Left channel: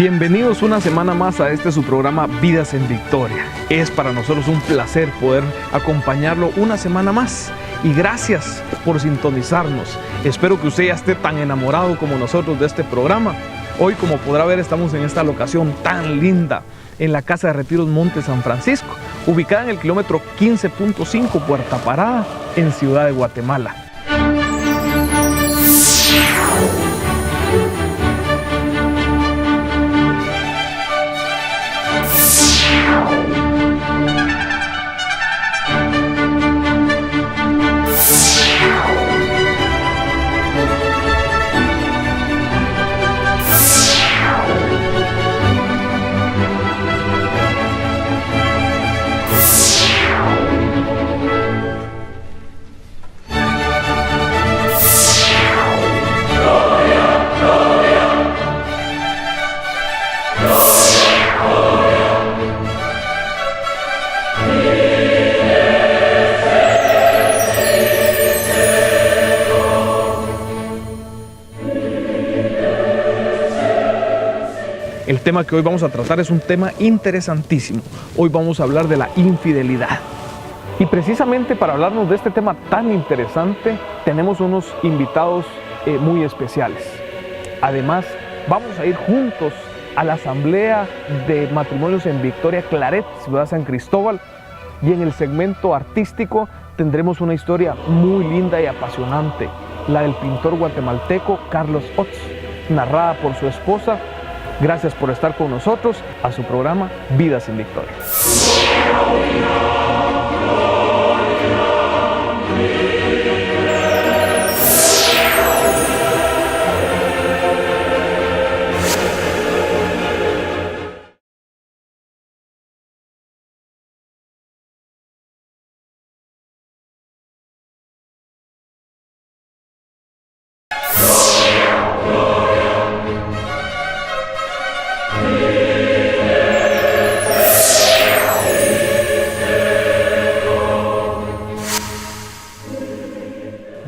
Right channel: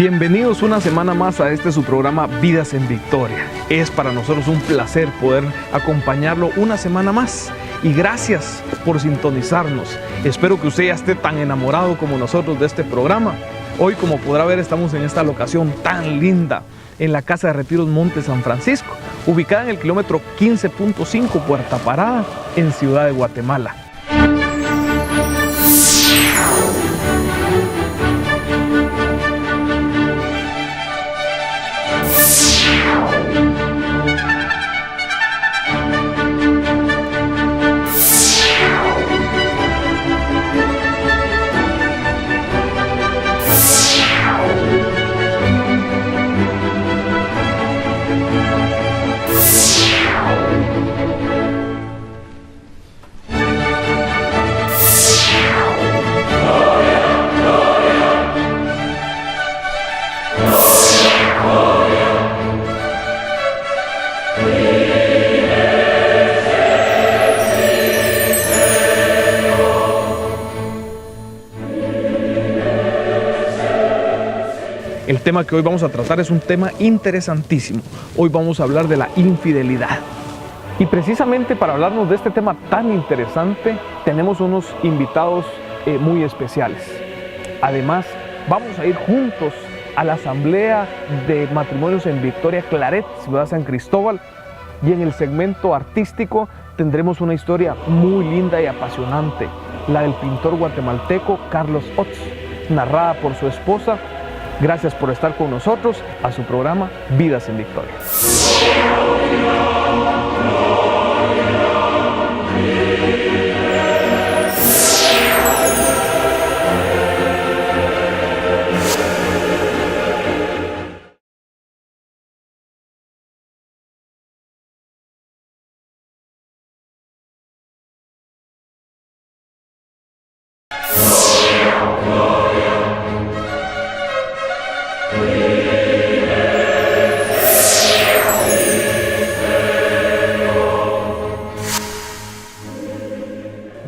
Bienvenidos una semana más a su programa Vidas en Victoria. Es para nosotros un placer poder acompañarlo una semana más. Y gracias por sintonizarnos. Espero que usted ya esté tan enamorado como nosotros de este programa. Hoy, como podrá ver, estamos en esta locación tan linda, en la Casa de Retiros Monte San Francisco, ubicada en el kilómetro 15.5 Puerta Parada, en Ciudad de Guatemala. El tema que hoy vamos a tratar es un tema interesantísimo. Hoy vamos a hablar de la infidelidad. Y precisamente para hablarnos de este tema tan interesante, tenemos unos invitados muy especiales. Además, vamos a ir juntos a la Asamblea de Matrimonios en Victoria Claret, Ciudad San Cristóbal. Y en el segmento artístico tendremos una historia muy linda y apasionante, la del pintor guatemalteco Carlos Ots, narrada por su esposa. Gracias por estar con nosotros a su programa Vidas en Victoria.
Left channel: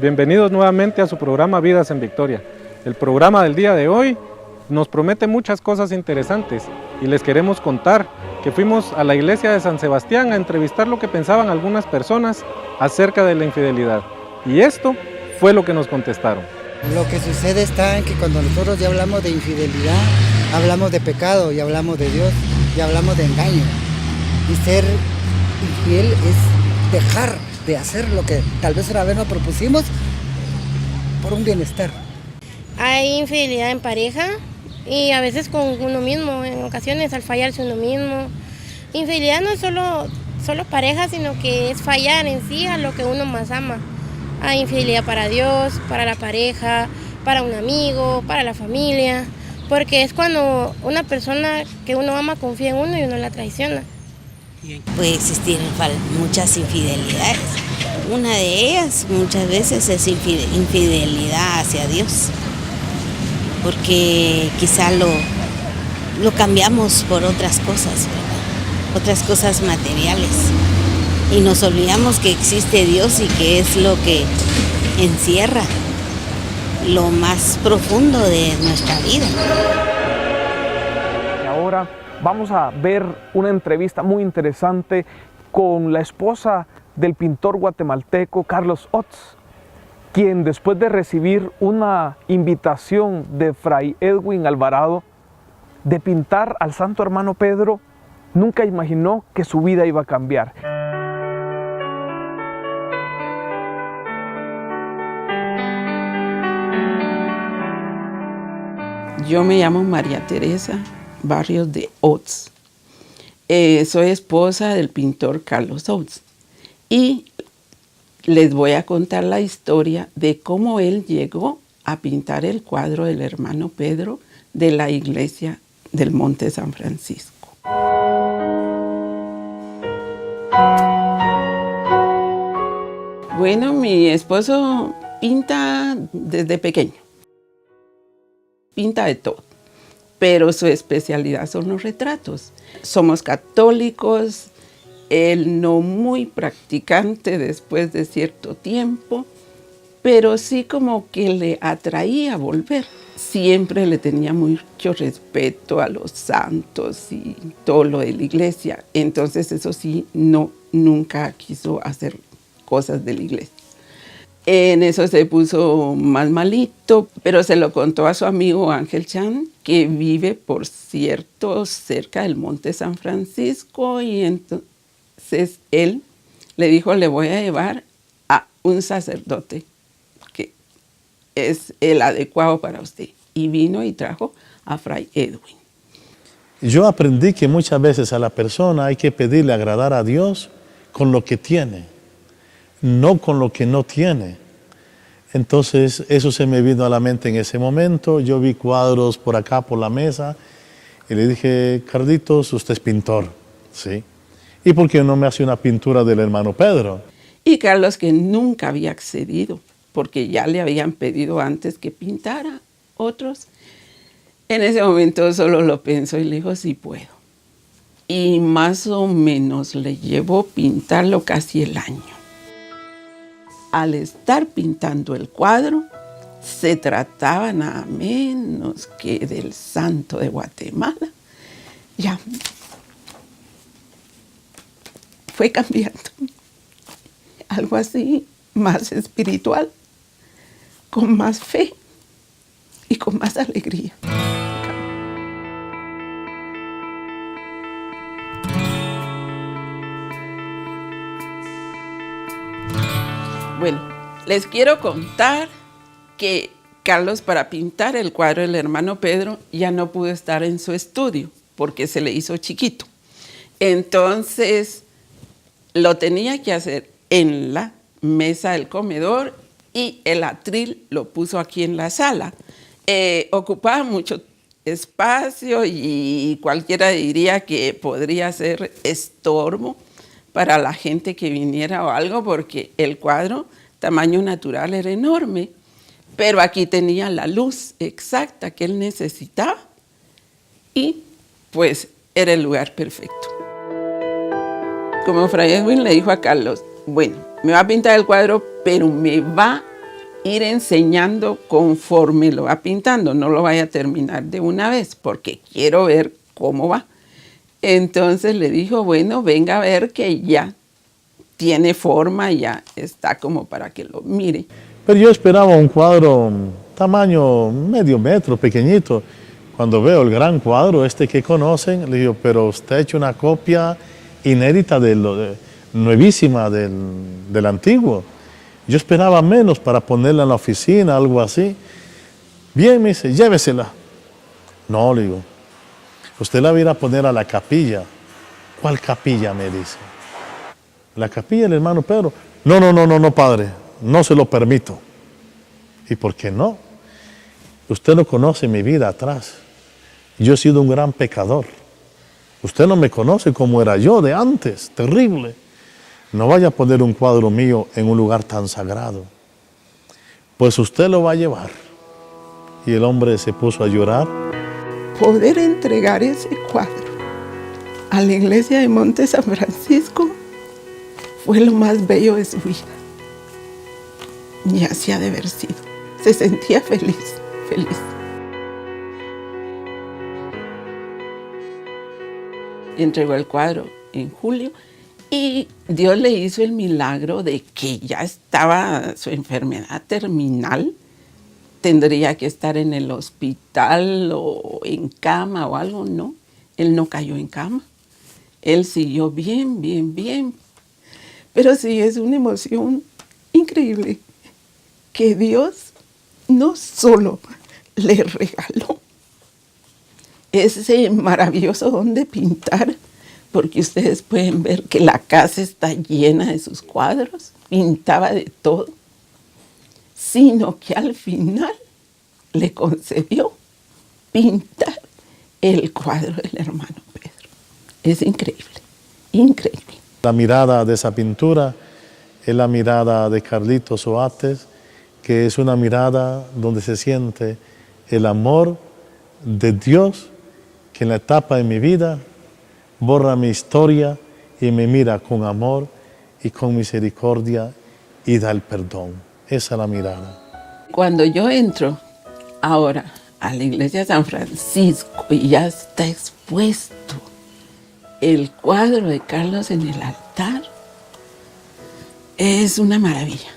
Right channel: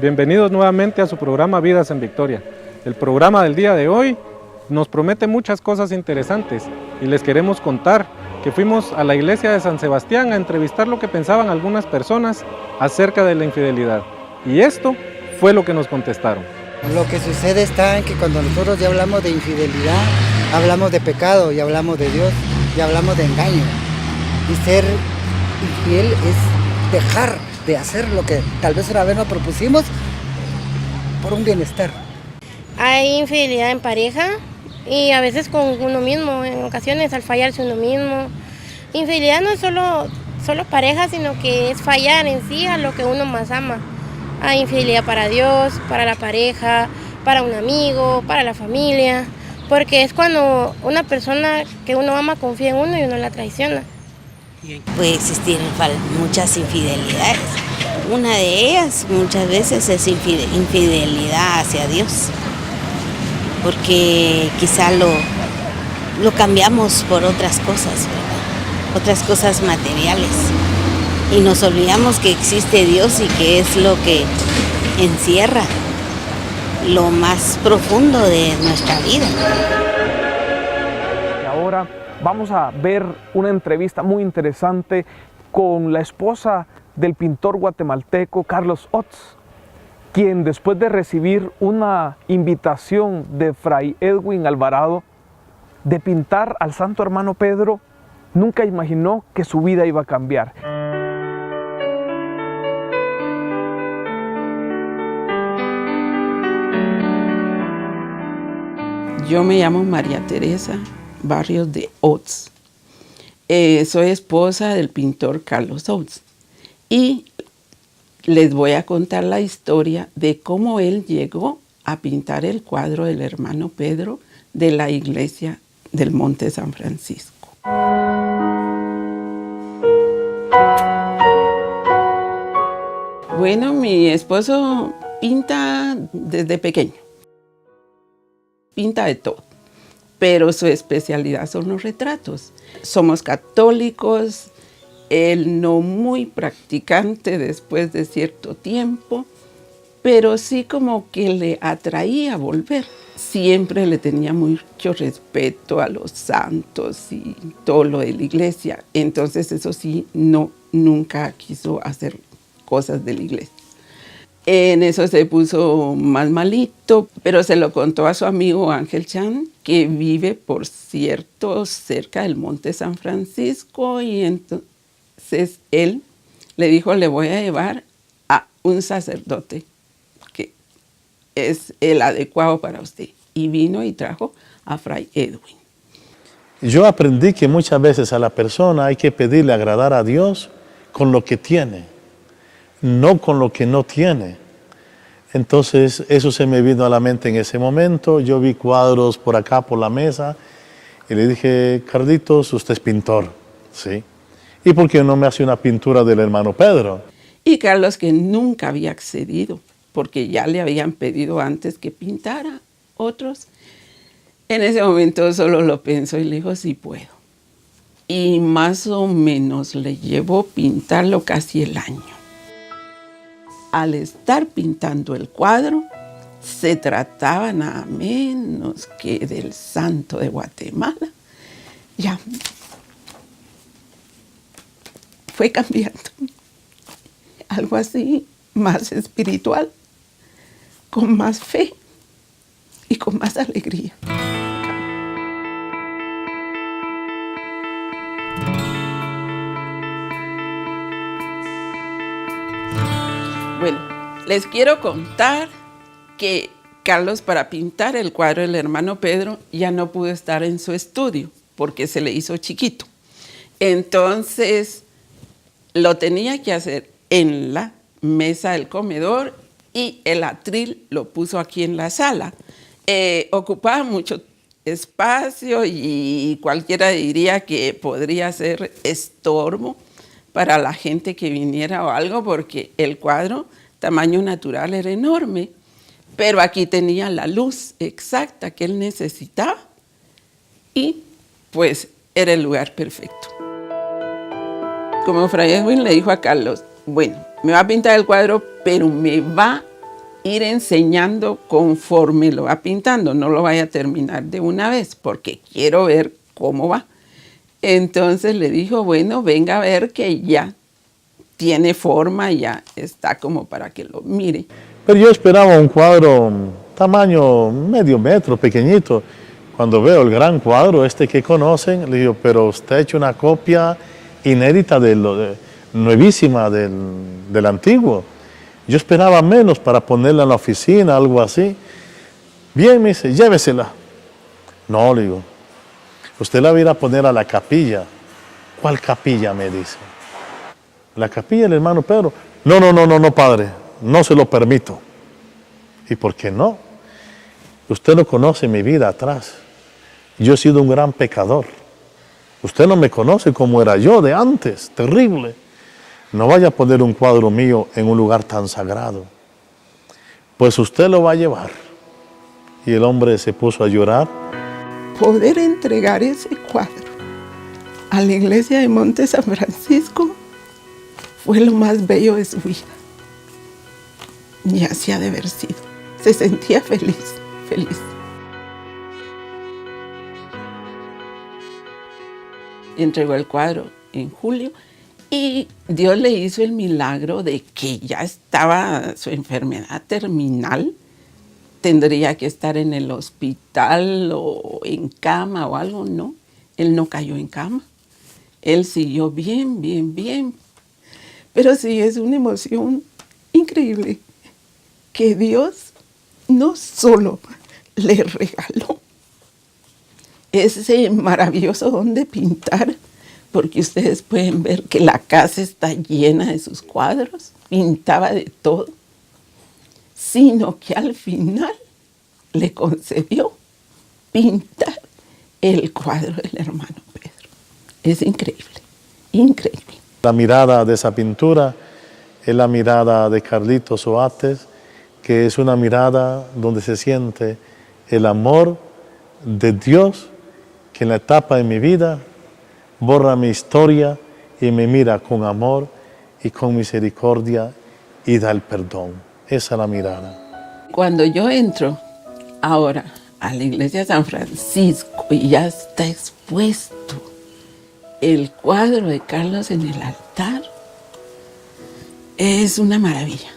Bienvenidos nuevamente a su programa Vidas en Victoria. El programa del día de hoy nos promete muchas cosas interesantes y les queremos contar que fuimos a la iglesia de San Sebastián a entrevistar lo que pensaban algunas personas acerca de la infidelidad. Y esto fue lo que nos contestaron. Lo que sucede está en que cuando nosotros ya hablamos de infidelidad, hablamos de pecado y hablamos de Dios y hablamos de engaño. Y ser infiel es dejar de hacer lo que tal vez una vez nos propusimos por un bienestar. Hay infidelidad en pareja y a veces con uno mismo, en ocasiones al fallarse uno mismo. Infidelidad no es solo pareja, sino que es fallar en sí a lo que uno más ama. Hay infidelidad para Dios, para la pareja, para un amigo, para la familia, porque es cuando una persona que uno ama confía en uno y uno la traiciona. Puede existir muchas infidelidades. Una de ellas muchas veces es infidelidad hacia Dios, porque quizá lo cambiamos por otras cosas, ¿verdad? Otras cosas materiales. Y nos olvidamos que existe Dios y que es lo que encierra lo más profundo de nuestra vida. Y ahora vamos a ver una entrevista muy interesante con la esposa del pintor guatemalteco Carlos Ots, quien después de recibir una invitación de Fray Edwin Alvarado de pintar al Santo Hermano Pedro, nunca imaginó que su vida iba a cambiar. Yo me llamo María Teresa Barrios de Ots. Soy esposa del pintor Carlos Ots y les voy a contar la historia de cómo él llegó a pintar el cuadro del hermano Pedro de la iglesia del Monte San Francisco. Bueno, mi esposo pinta desde pequeño. Pinta de todo, pero su especialidad son los retratos. Somos católicos, él no muy practicante después de cierto tiempo, pero sí como que le atraía volver. siempre le tenía mucho respeto a los santos y todo lo de la iglesia. Entonces eso sí, nunca quiso hacer cosas de la iglesia. En eso se puso más malito, pero se lo contó a su amigo Ángel Chan, que vive, por cierto, cerca del Monte San Francisco, y entonces él le dijo, le voy a llevar a un sacerdote que es el adecuado para usted. Y vino y trajo a Fray Edwin. Yo aprendí que muchas veces a la persona hay que pedirle agradar a Dios con lo que tiene, no con lo que no tiene. Entonces eso se me vino a la mente en ese momento. Yo vi cuadros por acá, por la mesa, y le dije, Carlitos, usted es pintor, ¿sí? ¿Y por qué no me hace una pintura del hermano Pedro? Y Carlos, que nunca había accedido, porque ya le habían pedido antes que pintara otros, en ese momento solo lo pensó y le dijo, sí puedo. Y más o menos le llevó pintarlo casi el año. Al estar pintando el cuadro, se trataba nada menos que del santo de Guatemala. Ya fue cambiando. Algo así, más espiritual, con más fe y con más alegría. Bueno, les quiero contar que Carlos, para pintar el cuadro del hermano Pedro, ya no pudo estar en su estudio porque se le hizo chiquito. Entonces, lo tenía que hacer en la mesa del comedor y el atril lo puso aquí en la sala. Ocupaba mucho espacio y cualquiera diría que podría ser estorbo para la gente que viniera o algo, porque el cuadro, tamaño natural, era enorme. Pero aquí tenía la luz exacta que él necesitaba y pues era el lugar perfecto. Como Fray Edwin le dijo a Carlos, bueno, me va a pintar el cuadro, pero me va a ir enseñando conforme lo va pintando. No lo vaya a terminar de una vez porque quiero ver cómo va. Entonces le dijo, bueno, venga a ver que ya tiene forma, ya está como para que lo mire. Pero yo esperaba un cuadro tamaño medio metro, pequeñito. Cuando veo el gran cuadro este que conocen, le digo, pero usted ha hecho una copia inédita nuevísima del antiguo. Yo esperaba menos para ponerla en la oficina, algo así. Bien, me dice, llévesela. No, le digo, usted la va a ir a poner a la capilla. ¿Cuál capilla? Me dice. La capilla del hermano Pedro. No, padre, no se lo permito. ¿Y por qué no? Usted no conoce mi vida atrás. Yo he sido un gran pecador. Usted no me conoce como era yo de antes, terrible. No vaya a poner un cuadro mío en un lugar tan sagrado. Pues usted lo va a llevar. Y el hombre se puso a llorar. Poder entregar ese cuadro a la iglesia de Monte San Francisco fue lo más bello de su vida. Y así ha de haber sido. Se sentía feliz, feliz. Entregó el cuadro en julio y Dios le hizo el milagro de que ya estaba su enfermedad terminal. Tendría que estar en el hospital o en cama o algo, no. Él no cayó en cama. Él siguió bien. Pero sí, es una emoción increíble que Dios no solo le regaló ese maravilloso don de pintar, porque ustedes pueden ver que la casa está llena de sus cuadros, pintaba de todo, sino que al final le concedió pintar el cuadro del hermano Pedro. Es increíble, increíble. La mirada de esa pintura es la mirada de Carlitos Oates, que es una mirada donde se siente el amor de Dios, que en la etapa de mi vida borra mi historia y me mira con amor y con misericordia y da el perdón. Esa es la mirada. Cuando yo entro ahora a la iglesia de San Francisco y ya está expuesto el cuadro de Carlos en el altar. Es una maravilla.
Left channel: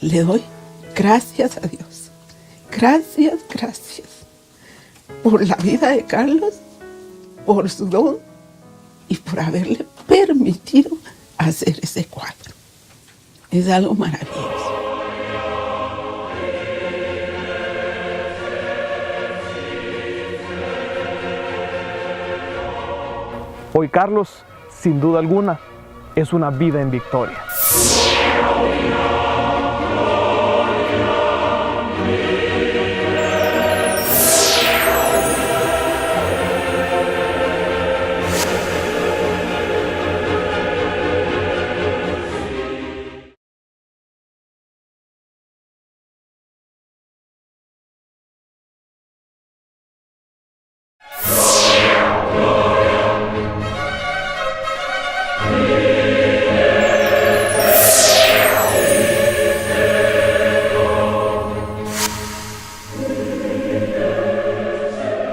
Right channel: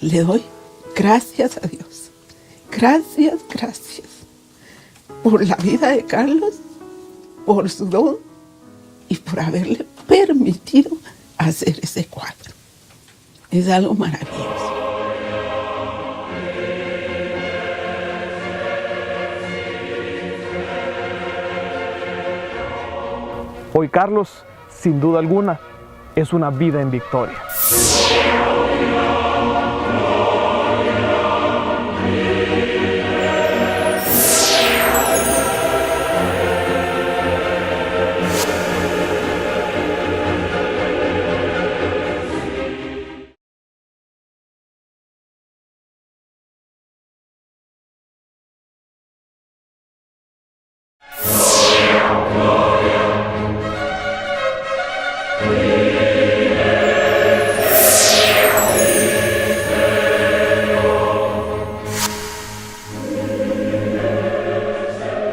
Le doy gracias a Dios. Gracias por la vida de Carlos, por su don y por haberle permitido hacer ese cuadro. Es algo maravilloso. Hoy Carlos, sin duda alguna, es una vida en victoria.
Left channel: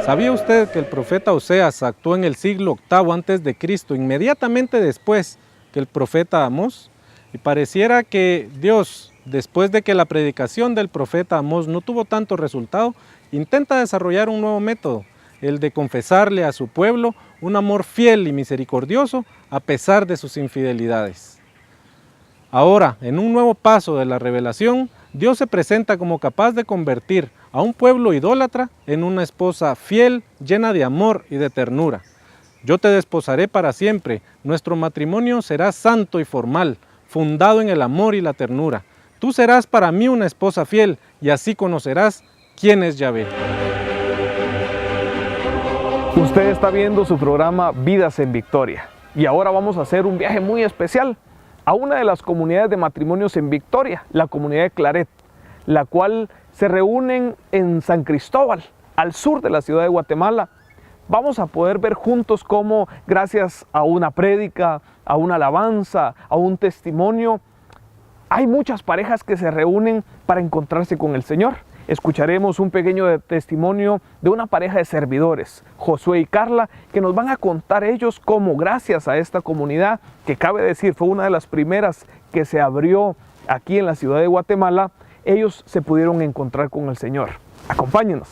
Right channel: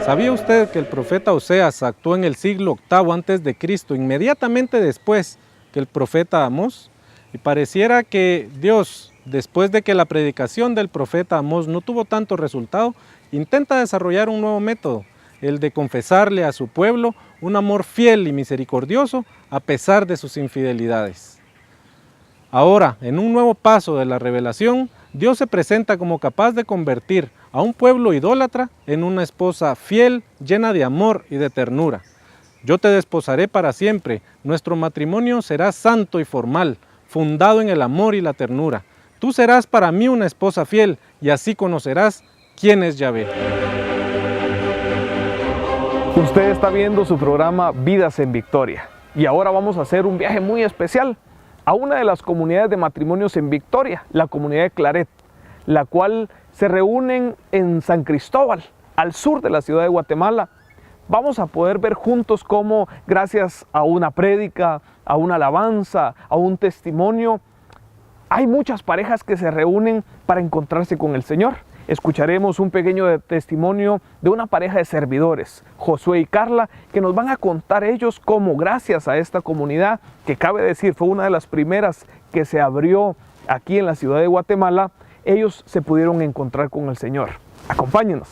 ¿Sabía usted que el profeta Oseas actuó en el siglo VIII a.C., inmediatamente después que el profeta Amós? Y pareciera que Dios, después de que la predicación del profeta Amós no tuvo tanto resultado, intenta desarrollar un nuevo método, el de confesarle a su pueblo un amor fiel y misericordioso a pesar de sus infidelidades. Ahora, en un nuevo paso de la revelación, Dios se presenta como capaz de convertir a un pueblo idólatra en una esposa fiel, llena de amor y de ternura. Yo te desposaré para siempre, nuestro matrimonio será santo y formal, fundado en el amor y la ternura. Tú serás para mí una esposa fiel y así conocerás quién es Yahvé. Usted está viendo su programa Vidas en Victoria y ahora vamos a hacer un viaje muy especial a una de las comunidades de matrimonios en Victoria, la comunidad de Claret, la cual se reúnen en San Cristóbal, al sur de la ciudad de Guatemala. Vamos a poder ver juntos cómo, gracias a una prédica, a una alabanza, a un testimonio, hay muchas parejas que se reúnen para encontrarse con el Señor. Escucharemos un pequeño testimonio de una pareja de servidores, Josué y Carla, que nos van a contar ellos cómo, gracias a esta comunidad, que cabe decir fue una de las primeras que se abrió aquí en la ciudad de Guatemala, ellos se pudieron encontrar con el Señor. Acompáñenos.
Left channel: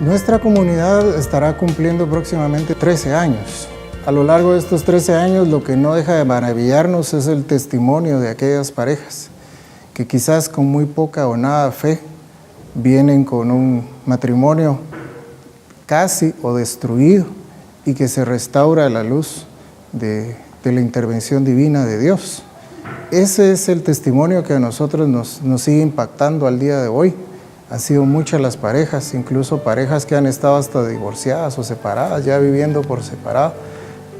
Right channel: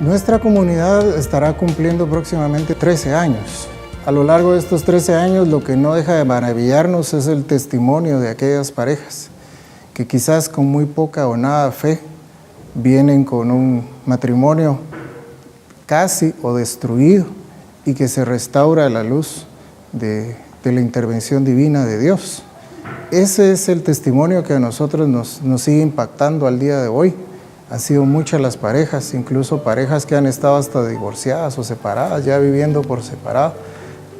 Nuestra comunidad estará cumpliendo próximamente 13 años. A lo largo de estos 13 años, lo que no deja de maravillarnos es el testimonio de aquellas parejas que quizás con muy poca o nada fe vienen con un matrimonio casi o destruido y que se restaura a la luz de la intervención divina de Dios. Ese es el testimonio que a nosotros nos sigue impactando al día de hoy. Han sido muchas las parejas, incluso parejas que han estado hasta divorciadas o separadas, ya viviendo por separado,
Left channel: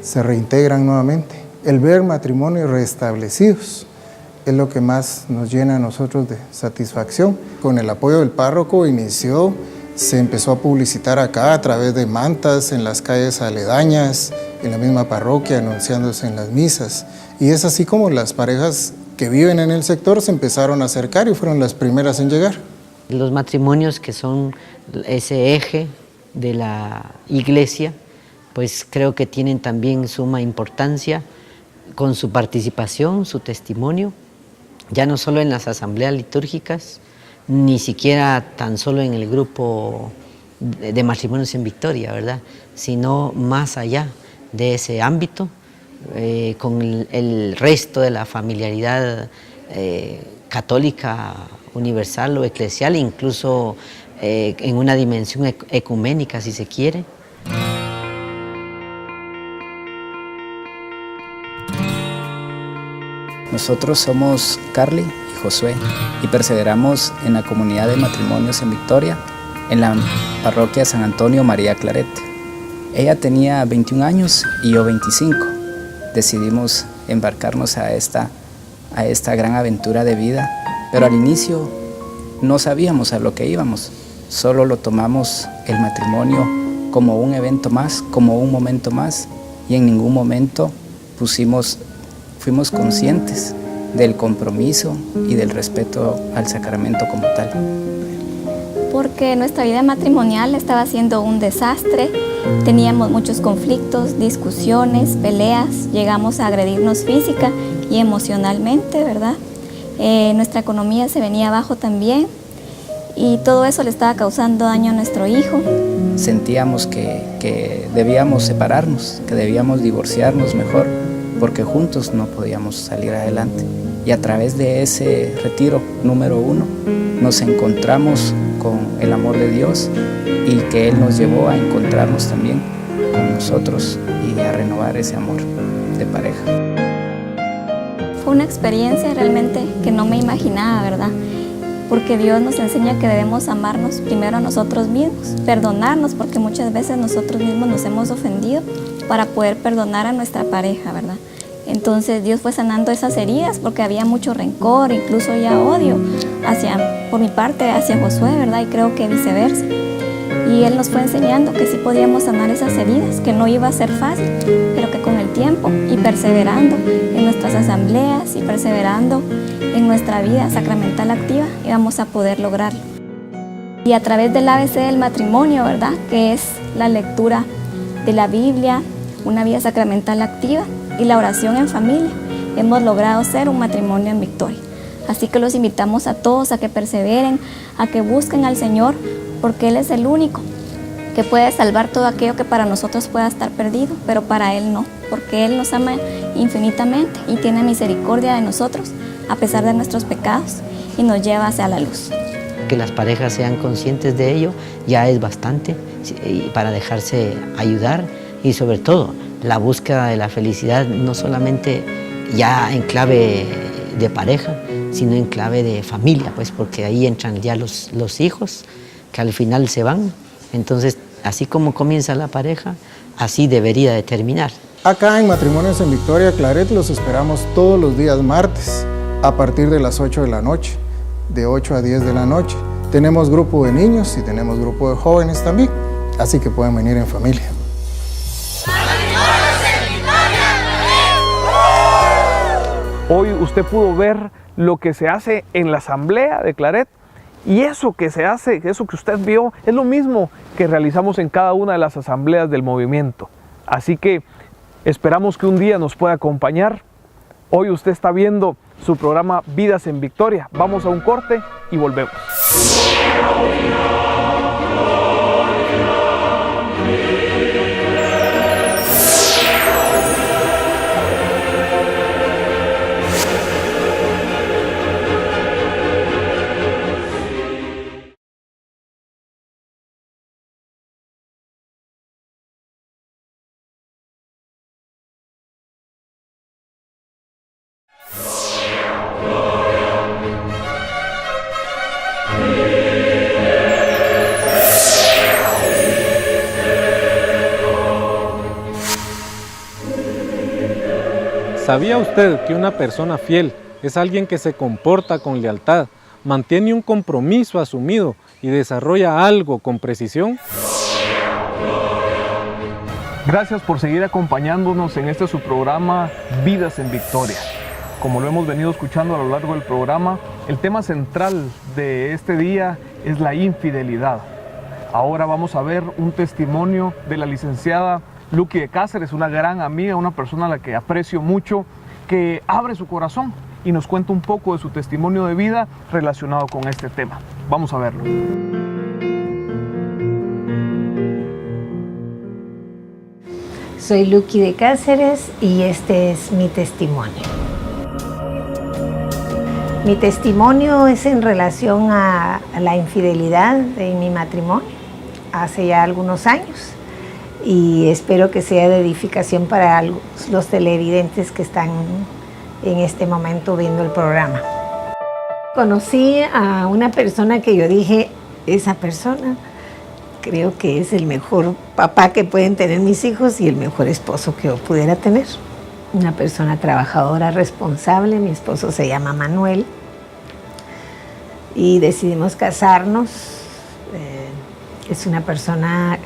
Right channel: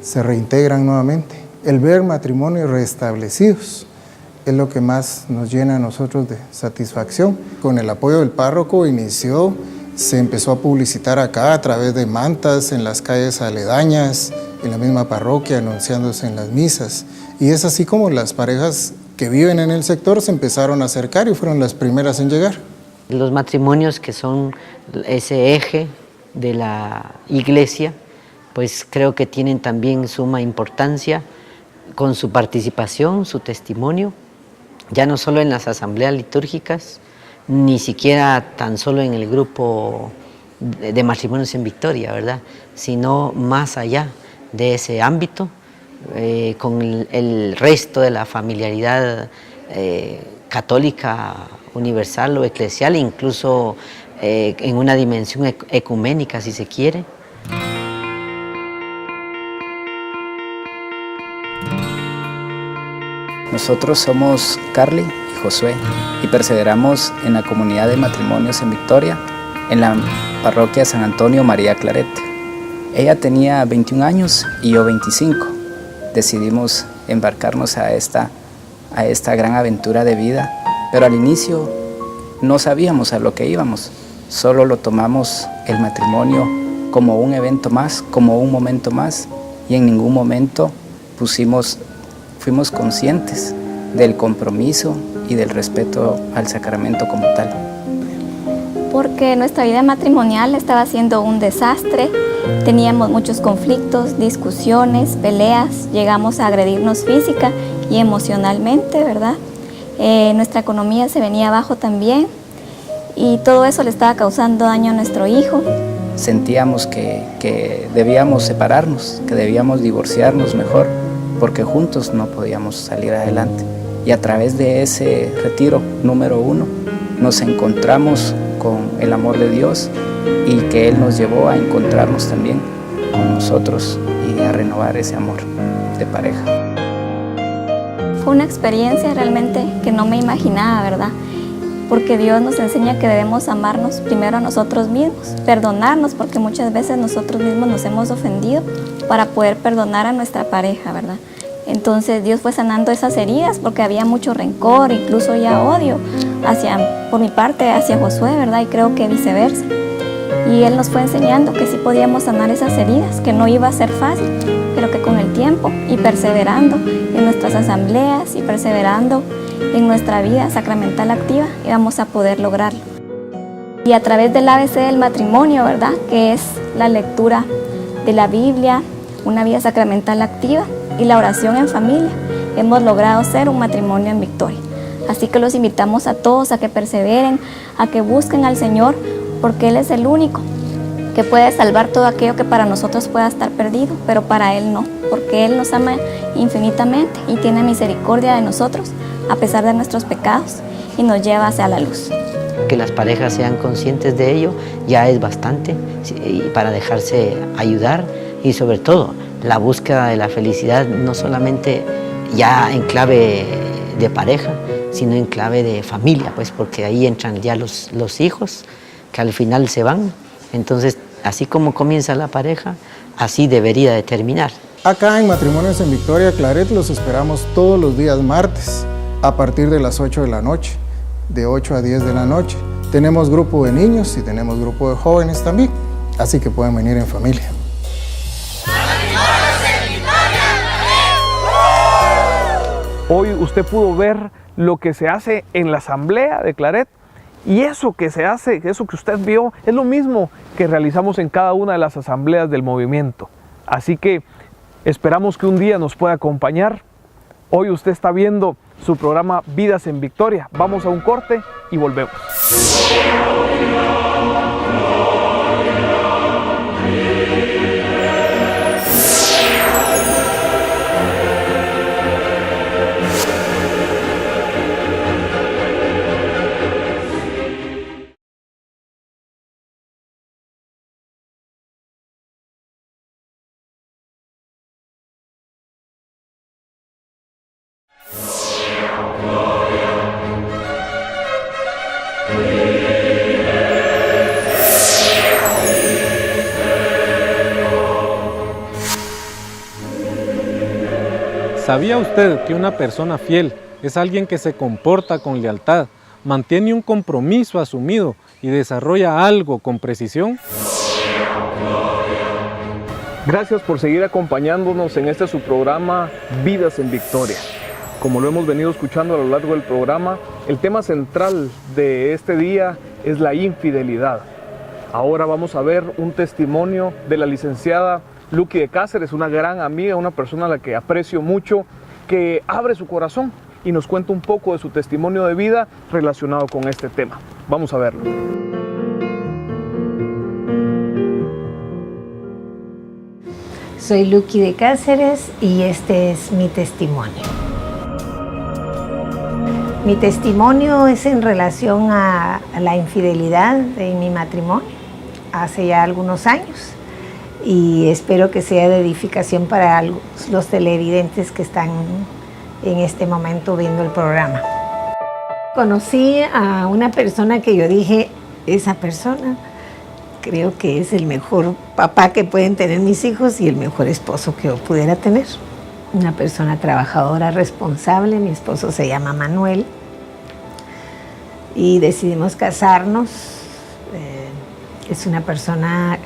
se reintegran nuevamente. El ver matrimonios restablecidos es lo que más nos llena a nosotros de satisfacción. Con el apoyo del párroco se empezó a publicitar acá a través de mantas en las calles aledañas, en la misma parroquia, anunciándose en las misas. Y es así como las parejas que viven en el sector se empezaron a acercar y fueron las primeras en llegar. Los matrimonios que son ese eje de la iglesia, pues creo que tienen también suma importancia con su participación, su testimonio, ya no solo en las asambleas litúrgicas, ni siquiera tan solo en el grupo de matrimonios en Victoria, ¿verdad? Sino más allá de ese ámbito, con el resto de la familiaridad católica universal o eclesial, incluso en una dimensión ecuménica, si se quiere. Nosotros somos Carly y Josué y perseveramos en la comunidad de matrimonios en Victoria, en la parroquia San Antonio María Claret. Ella tenía 21 años y yo 25. Decidimos embarcarnos a esta gran aventura de vida pero al inicio no sabíamos a lo que íbamos, solo lo tomamos el matrimonio como un evento más, como un momento más, y en ningún momento fuimos conscientes del compromiso y del respeto al sacramento como tal. Porque nuestra vida matrimonial estaba siendo un desastre, teníamos muchos conflictos, discusiones, peleas, llegamos a agredirnos física y emocionalmente, ¿verdad? Nuestra economía se venía abajo también y todo eso le estaba causando daño a nuestro hijo. Sentíamos que debíamos separarnos, que debíamos divorciarnos mejor, porque juntos no podíamos salir adelante. Y a través de ese retiro número 1 nos encontramos con el amor de Dios y que Él nos llevó a encontrarnos también con nosotros y a renovar ese amor de pareja. Fue una experiencia realmente que no me imaginaba, ¿verdad? Porque Dios nos enseña que debemos amarnos primero a nosotros mismos, perdonarnos, porque muchas veces nosotros mismos nos hemos ofendido para poder perdonar a nuestra pareja, ¿verdad? Entonces Dios fue sanando esas heridas porque había mucho rencor, incluso ya odio por mi parte hacia Josué, ¿verdad? Y creo que viceversa. Y Él nos fue enseñando que sí podíamos sanar esas heridas, que no iba a ser fácil, pero que con el tiempo y perseverando en nuestras asambleas y perseverando en nuestra vida sacramental activa íbamos a poder lograrlo. Y a través del ABC del matrimonio, ¿verdad? Que es la lectura de la Biblia, una vida sacramental activa y la oración en familia, hemos logrado ser un matrimonio en victoria. Así que los invitamos a todos a que perseveren, a que busquen al Señor, porque Él es el único que puede salvar todo aquello que para nosotros pueda estar perdido, pero para Él no, porque Él nos ama infinitamente y tiene misericordia de nosotros a pesar de nuestros pecados y nos lleva hacia la luz. Que las parejas sean conscientes de ello ya es bastante para dejarse ayudar y sobre todo la búsqueda de la felicidad no solamente ya en clave de pareja, sino en clave de familia, pues porque ahí entran ya los hijos que al final se van. Entonces, así como comienza la pareja, así debería de terminar. Acá en Matrimonios en Victoria, Claret, los esperamos todos los días martes a partir de las 8 de la noche, de 8 a 10 de la noche. Tenemos grupo de niños y tenemos grupo de jóvenes también, así que pueden venir en familia. Hoy usted pudo ver lo que se hace en la asamblea de Claret y eso que se hace, eso que usted vio, es lo mismo que realizamos en cada una de las asambleas del movimiento. Así que esperamos que un día nos pueda acompañar. Hoy usted está viendo su programa Vidas en Victoria. Vamos a un corte y volvemos. ¿Sabía usted que una persona fiel es alguien que se comporta con lealtad, mantiene un compromiso asumido y desarrolla algo con precisión? Gracias por seguir acompañándonos en este su programa Vidas en Victoria. Como lo hemos venido escuchando a lo largo del programa, el tema central de este día es la infidelidad. Ahora vamos a ver un testimonio de la licenciada Lucky de Cáceres, una gran amiga, una persona a la que aprecio mucho, que abre su corazón y nos cuenta un poco de su testimonio de vida relacionado con este tema. Vamos a verlo. Soy Lucky de Cáceres y este es mi testimonio. Mi testimonio es en relación a la infidelidad de mi matrimonio hace ya algunos años. Y espero que sea de edificación para los televidentes que están en este momento viendo el programa. Conocí a una persona que yo dije, esa persona creo que es el mejor papá que pueden tener mis hijos y el mejor esposo que yo pudiera tener. Una persona trabajadora, responsable, mi esposo se llama Manuel. y decidimos casarnos. Es una persona,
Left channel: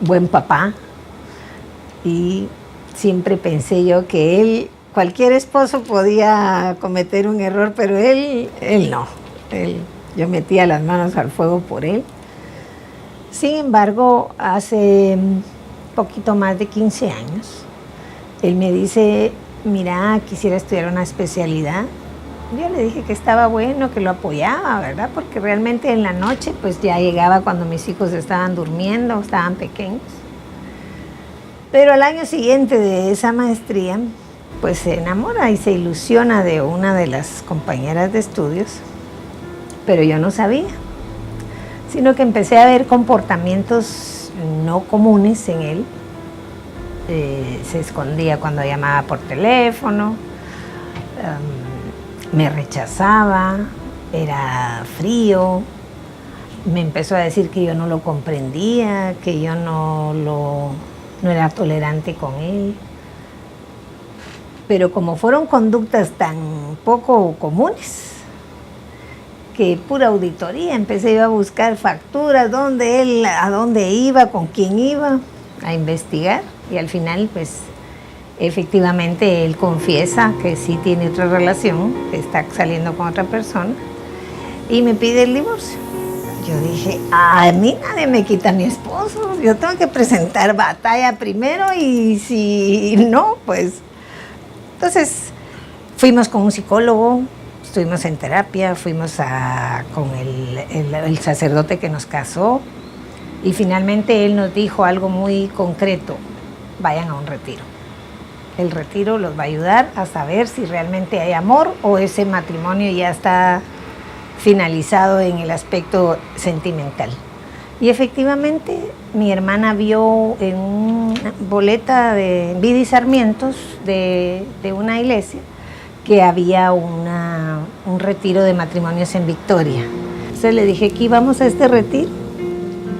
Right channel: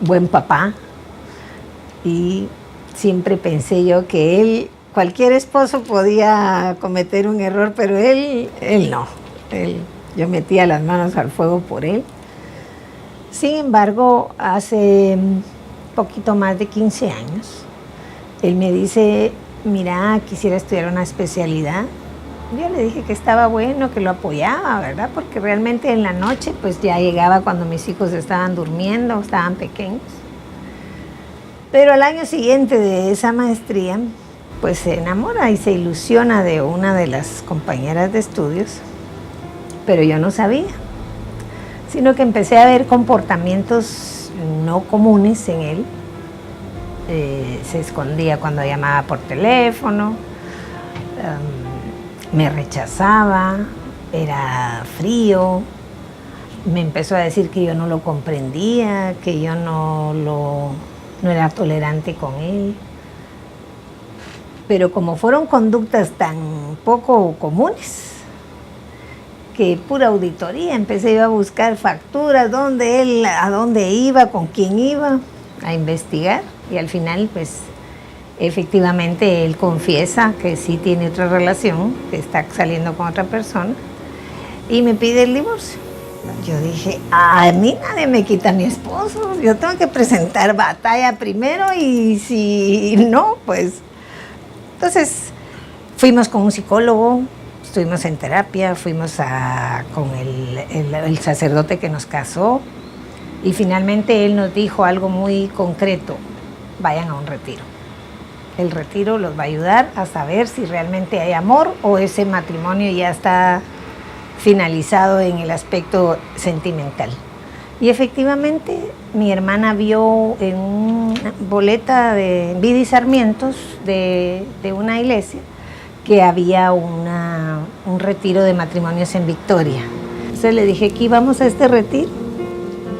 buen papá, y siempre pensé yo que él, cualquier esposo podía cometer un error, pero él no. Yo metía las manos al fuego por él. Sin embargo, hace poquito más de 15 años, él me dice, mira, quisiera estudiar una especialidad. Yo le dije que estaba bueno, que lo apoyaba, ¿verdad? Porque realmente en la noche, pues ya llegaba cuando mis hijos estaban durmiendo, estaban pequeños. Pero al año siguiente de esa maestría, pues se enamora y se ilusiona de una de las compañeras de estudios, pero yo no sabía, sino que empecé a ver comportamientos no comunes en él. Se escondía cuando llamaba por teléfono, me rechazaba, era frío, me empezó a decir que yo no lo comprendía, que yo no era tolerante con él. Pero como fueron conductas tan poco comunes, que pura auditoría, empecé yo a buscar facturas, a dónde iba, con quién iba, a investigar, y al final pues efectivamente él confiesa que sí tiene otra relación, que está saliendo con otra persona, y me pide el divorcio. Yo dije, a mí nadie me quita a mi esposo, yo tengo que presentar batalla primero, y si no, pues... Entonces fuimos con un psicólogo, estuvimos en terapia, fuimos con el sacerdote que nos casó, y finalmente él nos dijo algo muy concreto: vayan a un retiro. El retiro los va a ayudar a saber si realmente hay amor o ese matrimonio ya está finalizado en el aspecto sentimental. Y efectivamente mi hermana vio en una boleta de Vida y Sarmientos de una iglesia que había un retiro de matrimonios en Victoria. Entonces le dije que íbamos a este retiro,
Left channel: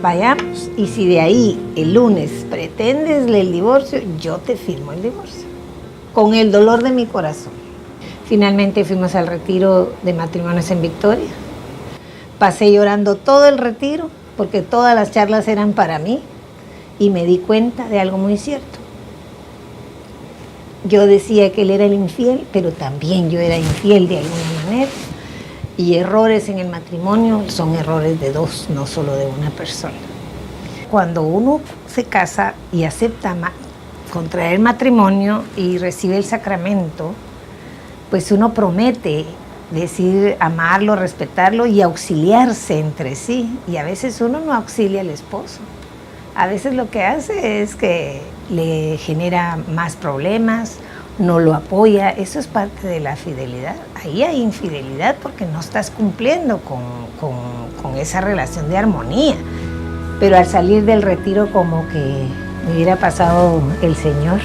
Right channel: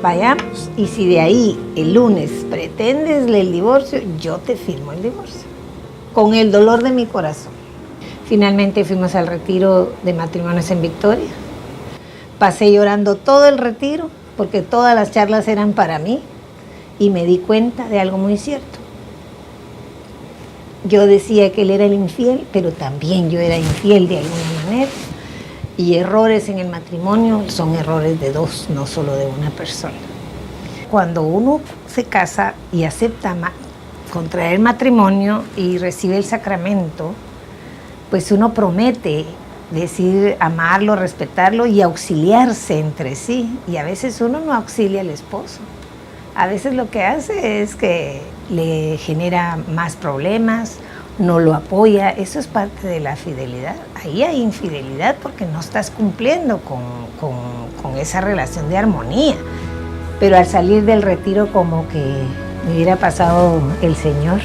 vayamos, y si de ahí el lunes pretendes el divorcio, yo te firmo el divorcio, con el dolor de mi corazón. Finalmente fuimos al retiro de matrimonios en Victoria. Pasé llorando todo el retiro, porque todas las charlas eran para mí, y me di cuenta de algo muy cierto. Yo decía que él era el infiel, pero también yo era infiel de alguna manera, y errores en el matrimonio son errores de dos, no solo de una persona. Cuando uno se casa y acepta contraer matrimonio y recibe el sacramento, pues uno promete decir amarlo, respetarlo y auxiliarse entre sí. Y a veces uno no auxilia al esposo. A veces lo que hace es que le genera más problemas, no lo apoya. Eso es parte de la fidelidad. Ahí hay infidelidad porque no estás cumpliendo con esa relación de armonía. Pero al salir del retiro, como que me hubiera pasado el Señor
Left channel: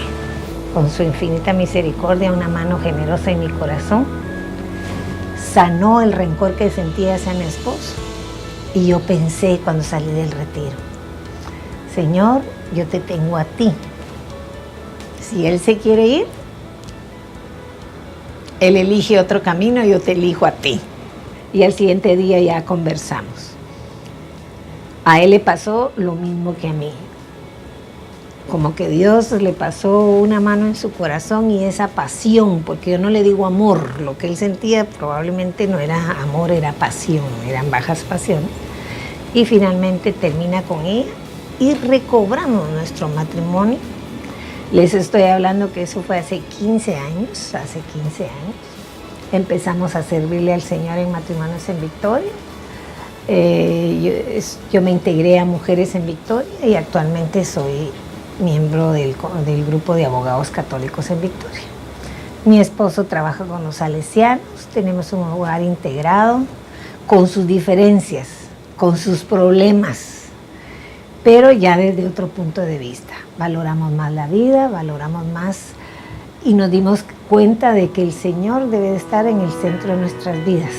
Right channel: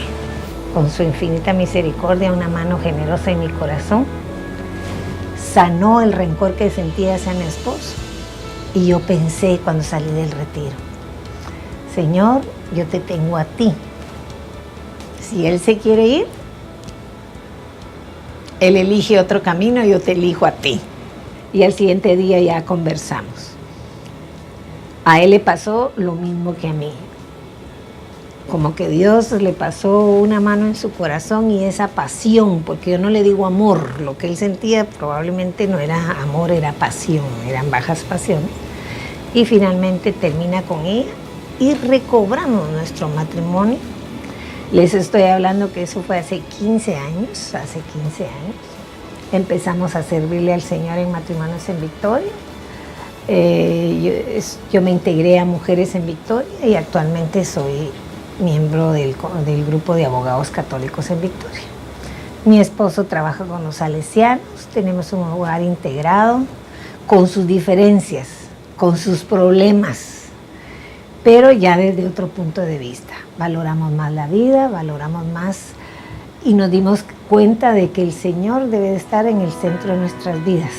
con su infinita misericordia, una mano generosa en mi corazón, sanó el rencor que sentía hacia mi esposo. Y yo pensé cuando salí del retiro: Señor, yo te tengo a ti. Si él se quiere ir, él elige otro camino, yo te elijo a ti. Y al siguiente día ya conversamos. A él le pasó lo mismo que a mí. Como que Dios le pasó una mano en su corazón y esa pasión, porque yo no le digo amor, lo que él sentía probablemente no era amor, era pasión, eran bajas pasiones. Y finalmente termina con ella y recobramos nuestro matrimonio. Les estoy hablando que eso fue hace 15 años, Empezamos a servirle al Señor en Matrimonios en Victoria. Yo me integré a Mujeres en Victoria y actualmente soy miembro del grupo de abogados católicos en Victoria. Mi esposo trabaja con los salesianos, tenemos un hogar integrado, con sus diferencias, con sus problemas, pero ya desde otro punto de vista. Valoramos más la vida, valoramos más y nos dimos cuenta de que el Señor debe de estar en el centro de nuestras vidas.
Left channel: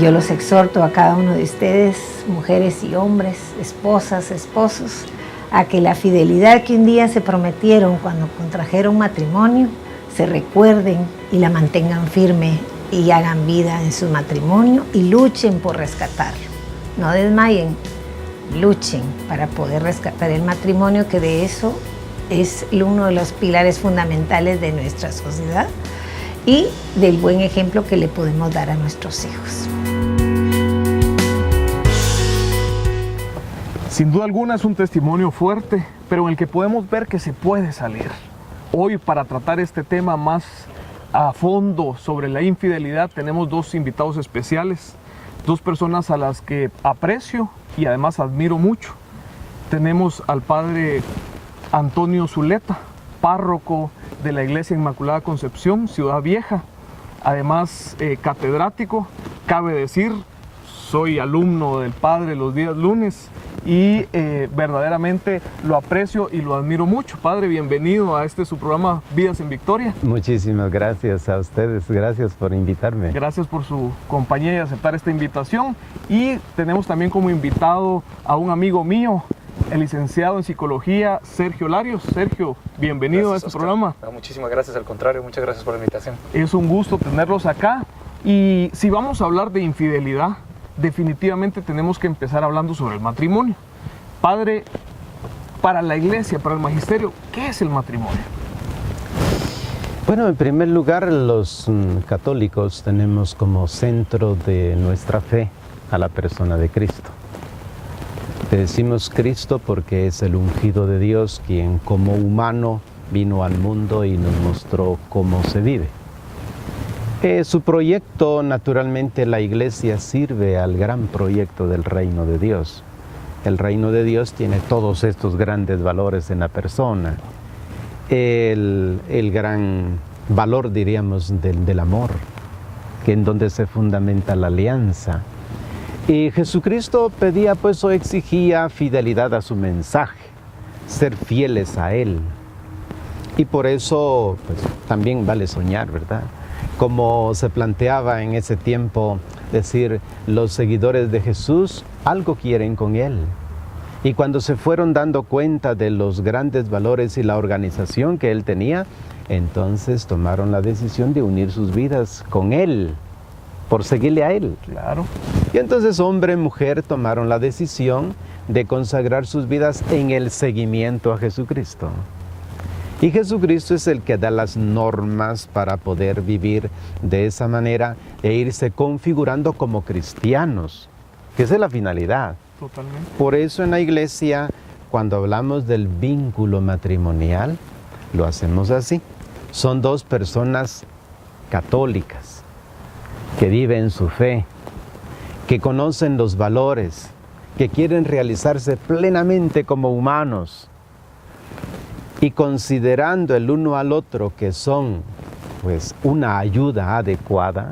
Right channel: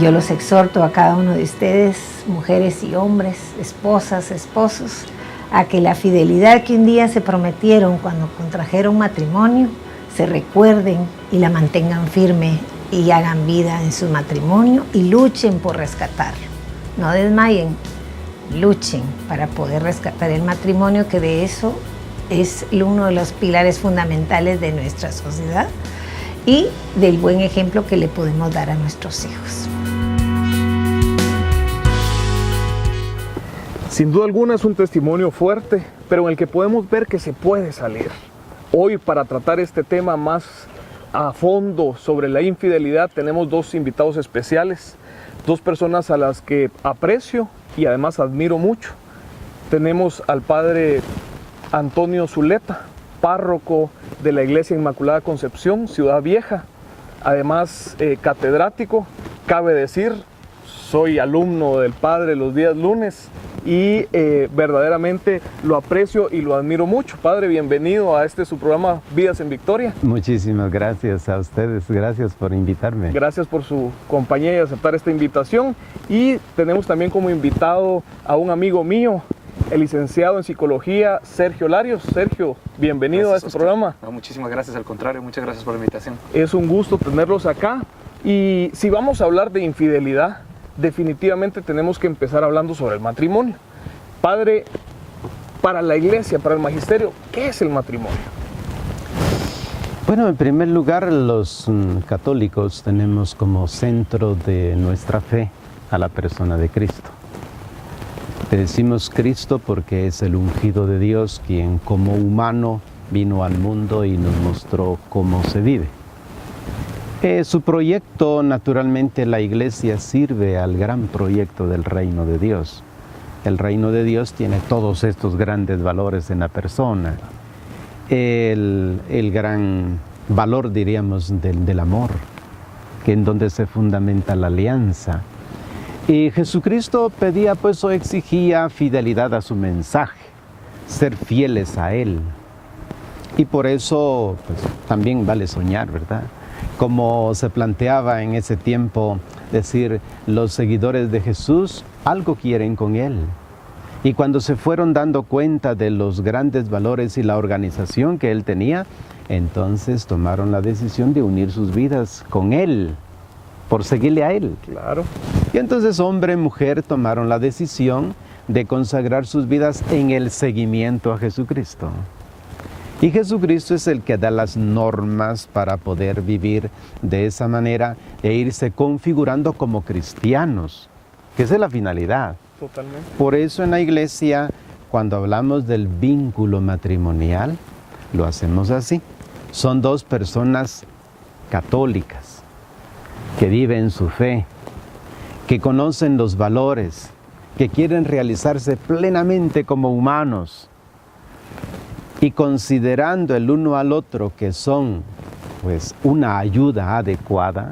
Yo los exhorto a cada uno de ustedes, mujeres y hombres, esposas, esposos, a que la fidelidad que un día se prometieron cuando contrajeron matrimonio, se recuerden y la mantengan firme y hagan vida en su matrimonio y luchen por rescatarlo. No desmayen, luchen para poder rescatar el matrimonio, que de eso es uno de los pilares fundamentales de nuestra sociedad y del buen ejemplo que le podemos dar a nuestros hijos. Sin duda alguna es un testimonio fuerte, pero en el que podemos ver que se puede salir. Hoy, para tratar este tema más a fondo sobre la infidelidad, tenemos dos invitados especiales, dos personas a las que aprecio y además admiro mucho. Tenemos al padre Antonio Zuleta, párroco de la Iglesia Inmaculada Concepción, Ciudad Vieja, además catedrático. Cabe decir, soy alumno del padre los días lunes y verdaderamente lo aprecio y lo admiro mucho. Padre, bienvenido a su programa Vidas en Victoria. Muchísimas gracias a ustedes y gracias por invitarme. Gracias por su compañía y aceptar esta invitación. Y tenemos también como invitado a un amigo mío, el licenciado en Psicología, Sergio Larios. Sergio, bienvenido gracias, a este Oscar. programa. Muchísimas gracias, al contrario, muchas gracias por la invitación. Es un gusto tenerlos acá. Y si vamos a hablar de infidelidad, definitivamente tenemos que empezar hablando sobre el matrimonio. Padre, para la Iglesia, para el magisterio, ¿qué es el matrimonio? Bueno, en primer lugar, los católicos tenemos como centro de nuestra fe a la persona de Cristo. Le decimos Cristo porque es el ungido de Dios, quien como humano vino al mundo y nos mostró cómo se vive. Su proyecto, naturalmente, la Iglesia sirve al gran proyecto del reino de Dios. El reino de Dios tiene todos estos grandes valores en la persona. El gran valor, diríamos, del amor, en donde se fundamenta la alianza. Y Jesucristo pedía, pues, o exigía fidelidad a su mensaje, ser fieles a Él. Y por eso también vale soñar, ¿verdad? Como se planteaba en ese tiempo, decir, los seguidores de Jesús algo quieren con Él. Y cuando se fueron dando cuenta de los grandes valores y la organización que Él tenía, entonces tomaron la decisión de unir sus vidas con Él, por seguirle a Él. Claro. Y entonces hombre y mujer tomaron la decisión de consagrar sus vidas en el seguimiento a Jesucristo. Y Jesucristo es el que da las normas para poder vivir de esa manera e irse configurando como cristianos. Esa es la finalidad. Totalmente. Por eso en la Iglesia, cuando hablamos del vínculo matrimonial, lo hacemos así. Son dos personas católicas que viven su fe, que conocen los valores, que quieren realizarse plenamente como humanos, y considerando el uno al otro que son, pues, una ayuda adecuada,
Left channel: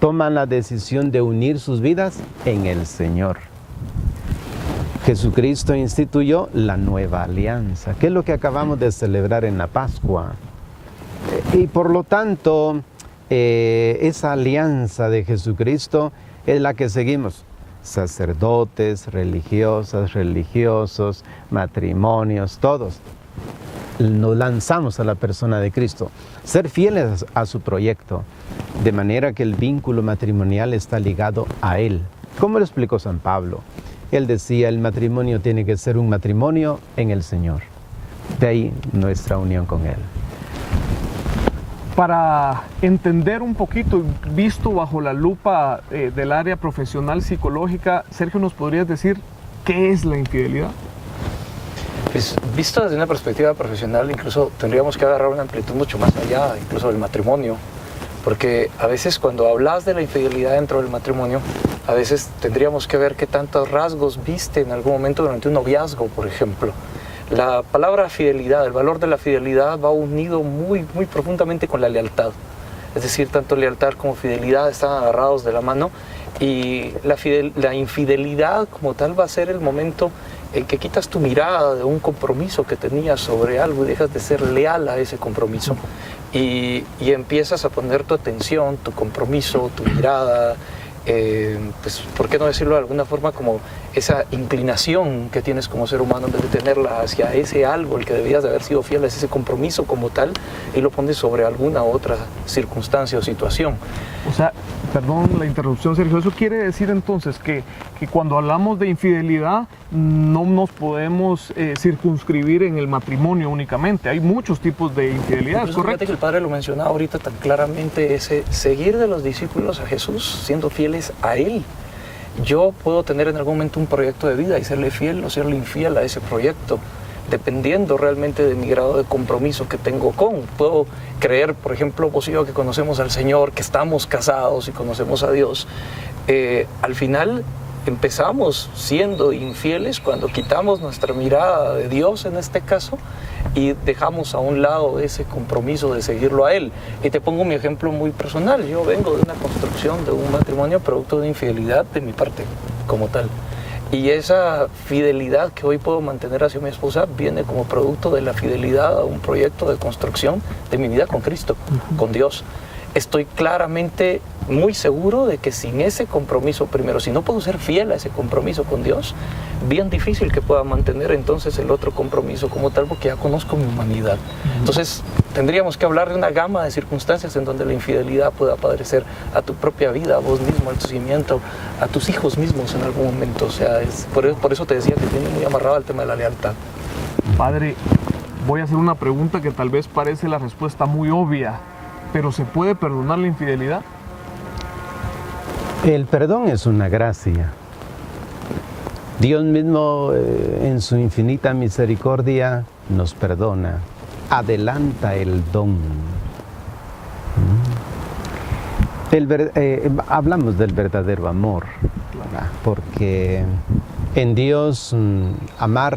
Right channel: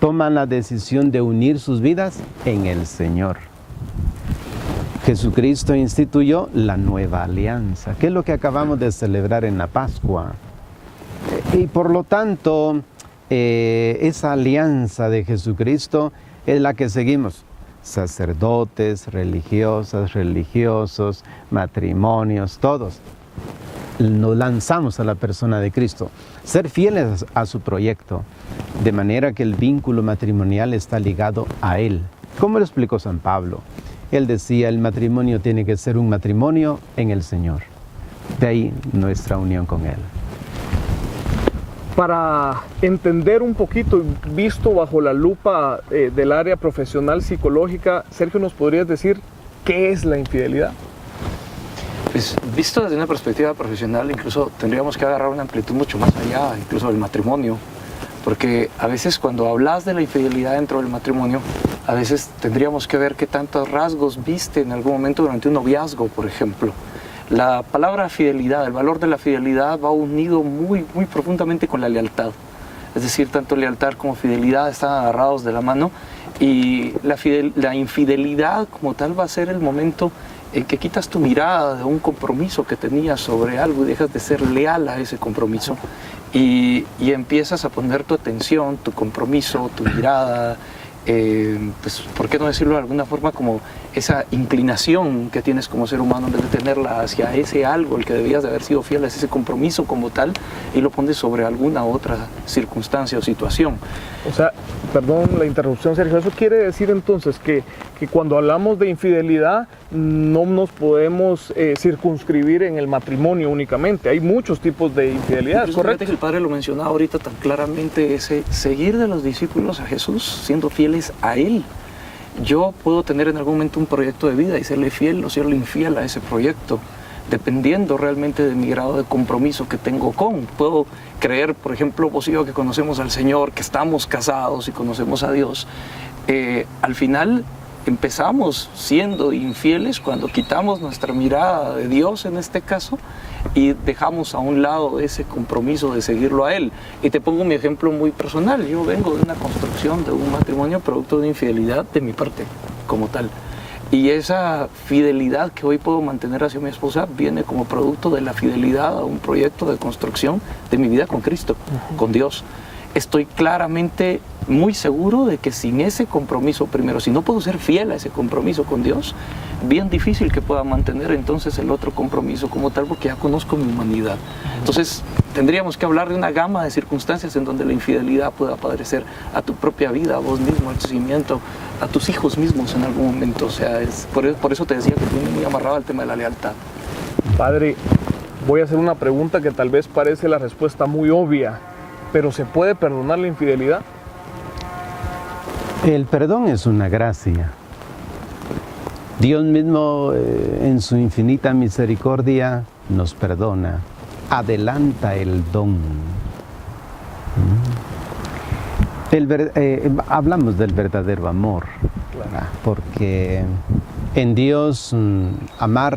toman la decisión de unir sus vidas en el Señor. Jesucristo instituyó la nueva alianza, que es lo que acabamos de celebrar en la Pascua. Y por lo tanto, esa alianza de Jesucristo es la que seguimos. Sacerdotes, religiosos, matrimonios, todos. Y nos lanzamos a la persona de Cristo, ser fieles a su proyecto, de manera que el vínculo matrimonial está ligado a Él. ¿Cómo lo explicó San Pablo? Él decía, el matrimonio tiene que ser un matrimonio en el Señor. De ahí nuestra unión con Él. Para entender un poquito, visto bajo la lupa del área profesional psicológica, Sergio, ¿nos podrías decir qué es la infidelidad? Pues visto desde una perspectiva profesional, incluso tendríamos que agarrar una amplitud mucho más allá, incluso del matrimonio, porque a veces cuando hablas de la infidelidad dentro del matrimonio, a veces tendríamos que ver qué tantos rasgos viste en algún momento durante un noviazgo, por ejemplo. La palabra fidelidad, el valor de la fidelidad va unido muy profundamente con la lealtad. Es decir, tanto lealtad como fidelidad están agarrados de la mano, y la infidelidad como tal va a ser el momento en que quitas tu mirada de un compromiso que tenías sobre algo y dejas de ser leal a ese compromiso y empiezas a poner tu atención, tu compromiso, tu mirada pues, ¿por qué no decirlo de alguna forma? Como esa inclinación que tienes como ser humano, en vez de tenerla hacia ese algo, el que debías de haber sido fiel, es ese compromiso como tal, y lo pones sobre alguna otra circunstancia o situación. O sea, perdón la interrupción, Sergio, eso quiere decir entonces que cuando hablamos de infidelidad no nos podemos circunscribir en el matrimonio únicamente, hay muchos tipos de infidelidad, Incluso ¿correcto? Fíjate que el Padre lo mencionaba ahorita tan claramente, ese seguir de los discípulos a Jesús, siendo fieles a Él. Yo puedo tener en algún momento un proyecto de vida y serle fiel o serle infiel a ese proyecto, dependiendo realmente de mi grado de compromiso que tengo con. Puedo creer, por ejemplo, vos y yo que conocemos al Señor, que estamos casados y conocemos a Dios, al final empezamos siendo infieles cuando quitamos nuestra mirada de Dios en este caso y dejamos a un lado ese compromiso de seguirlo a Él. Y te pongo mi ejemplo muy personal. Yo vengo de una construcción de un matrimonio producto de infidelidad de mi parte como tal. Y esa fidelidad que hoy puedo mantener hacia mi esposa viene como producto de la fidelidad a un proyecto de construcción de mi vida con Cristo, con Dios. Estoy claramente muy seguro de que sin ese compromiso primero, si no puedo ser fiel a ese compromiso con Dios, bien difícil que pueda mantener entonces el otro compromiso como tal, porque ya conozco mi humanidad. Entonces tendríamos que hablar de una gama de circunstancias en donde la infidelidad pueda aparecer a tu propia vida, a vos mismo, al crecimiento, a tus hijos mismos en algún momento. O sea, por eso te decía que viene muy amarrado al tema de la lealtad. Padre, voy a hacer una pregunta que tal vez parece la respuesta muy obvia, pero ¿se puede perdonar la infidelidad? El perdón es una gracia. Dios mismo, en su infinita misericordia, nos perdona, adelanta el don. Hablamos del verdadero amor, claro, porque en Dios amar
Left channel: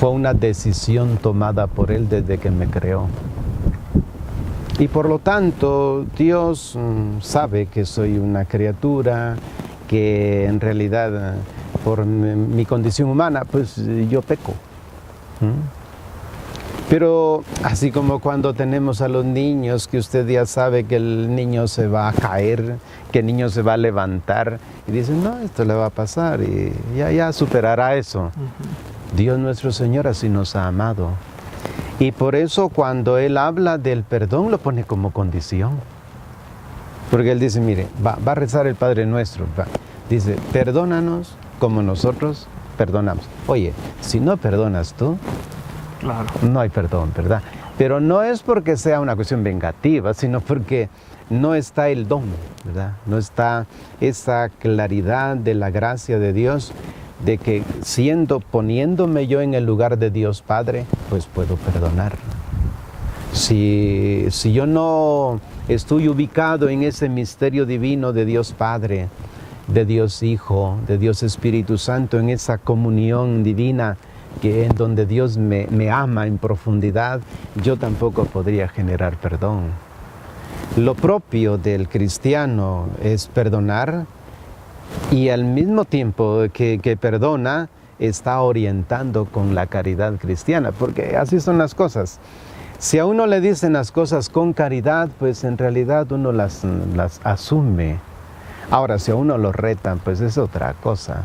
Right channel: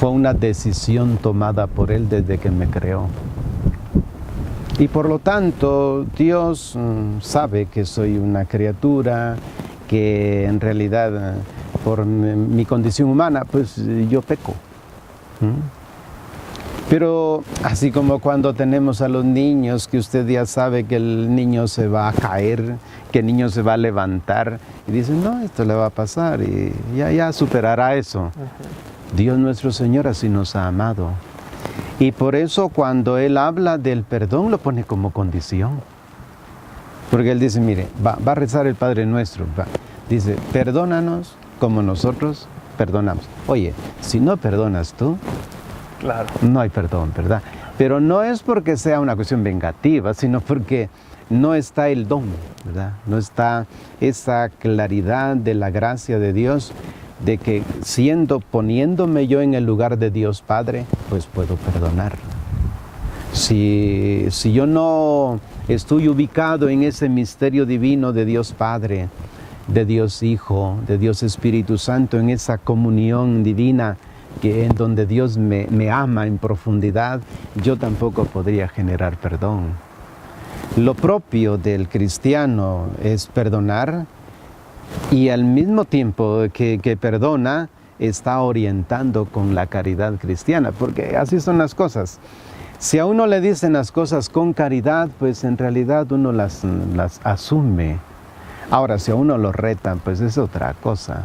fue una decisión tomada por Él desde que me creó. Y por lo tanto, Dios sabe que soy una criatura, que en realidad por mi condición humana, pues yo peco. ¿Sí? Pero así como cuando tenemos a los niños, que usted ya sabe que el niño se va a caer, que el niño se va a levantar, y dicen, no, esto le va a pasar, y ya superará eso. Dios nuestro Señor así nos ha amado. Y por eso cuando Él habla del perdón lo pone como condición. Porque Él dice, mire, va a rezar el Padre Nuestro. Dice, perdónanos como nosotros perdonamos. Oye, si no perdonas tú, claro, no hay perdón, ¿verdad? Pero no es porque sea una cuestión vengativa, sino porque no está el don, ¿verdad? No está esa claridad de la gracia de Dios, de que poniéndome yo en el lugar de Dios Padre, pues puedo perdonar. Si yo no estoy ubicado en ese misterio divino de Dios Padre, de Dios Hijo, de Dios Espíritu Santo, en esa comunión divina, que en donde Dios me ama en profundidad, yo tampoco podría generar perdón. Lo propio del cristiano es perdonar, y al mismo tiempo que perdona, está orientando con la caridad cristiana, porque así son las cosas. Si a uno le dicen las cosas con caridad, pues en realidad uno las asume. Ahora, si a uno lo retan, pues es otra cosa.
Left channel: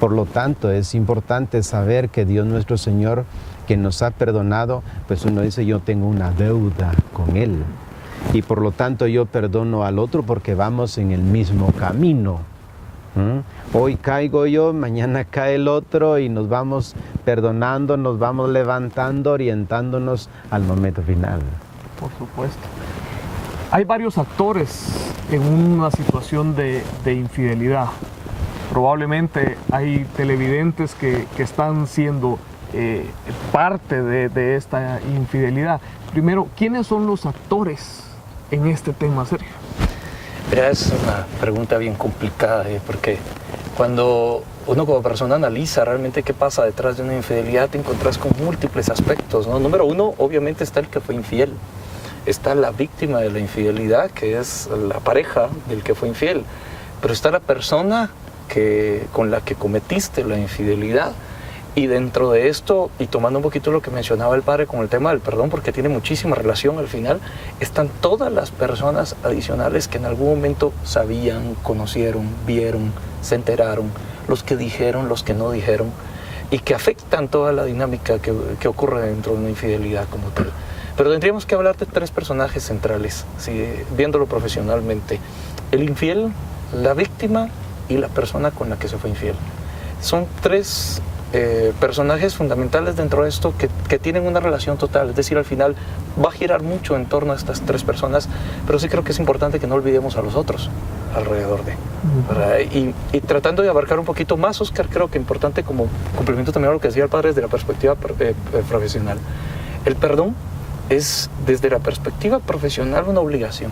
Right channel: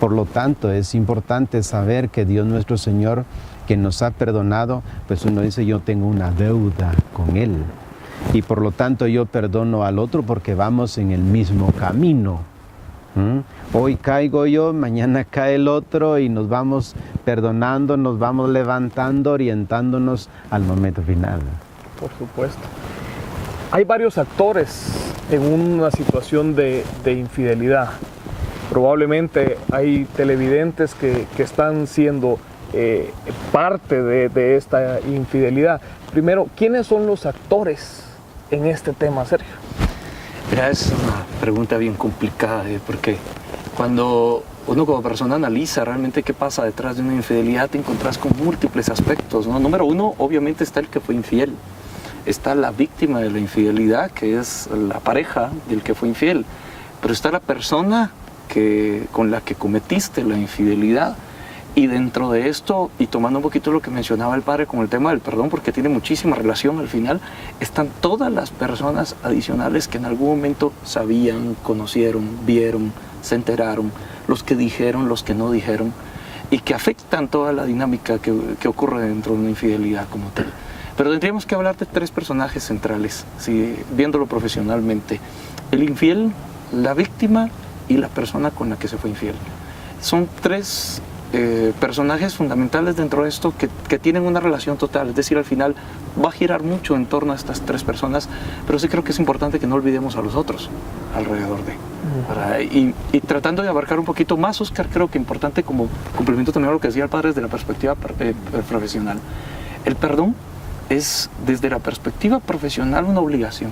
Por lo tanto, es importante saber que Dios nuestro Señor, que nos ha perdonado, pues uno dice, yo tengo una deuda con Él. Y por lo tanto yo perdono al otro porque vamos en el mismo camino. Hoy caigo yo, mañana cae el otro y nos vamos perdonando, nos vamos levantando, orientándonos al momento final. Por supuesto. Hay varios actores en una situación de infidelidad. Probablemente hay televidentes que están siendo parte de esta infidelidad. Primero, ¿quiénes son los actores en este tema, Sergio? Mira, es una pregunta bien complicada, porque cuando uno como persona analiza realmente qué pasa detrás de una infidelidad, te encontrás con múltiples aspectos, ¿no? Número uno, obviamente está el que fue infiel. Está la víctima de la infidelidad, que es la pareja del que fue infiel. Pero está la persona con la que cometiste la infidelidad. Y dentro de esto, y tomando un poquito lo que mencionaba el padre con el tema del perdón, porque tiene muchísima relación al final, están todas las personas adicionales que en algún momento sabían, conocieron, vieron, se enteraron, los que dijeron, los que no dijeron, y que afectan toda la dinámica que ocurre dentro de una infidelidad como tal. Pero tendríamos que hablar de 3 personajes centrales, ¿sí? Viéndolo profesionalmente: el infiel, la víctima y la persona con la que se fue infiel. Son 3 personajes fundamentales dentro de esto que tienen una relación total, es decir, al final va a girar mucho en torno a estas 3 personas, pero sí creo que es importante que no olvidemos a los otros alrededor de. Y tratando de abarcar un poquito más, Oscar, creo que importante como complemento también a lo que decía el padre desde la perspectiva profesional. El perdón es desde la perspectiva profesional una obligación,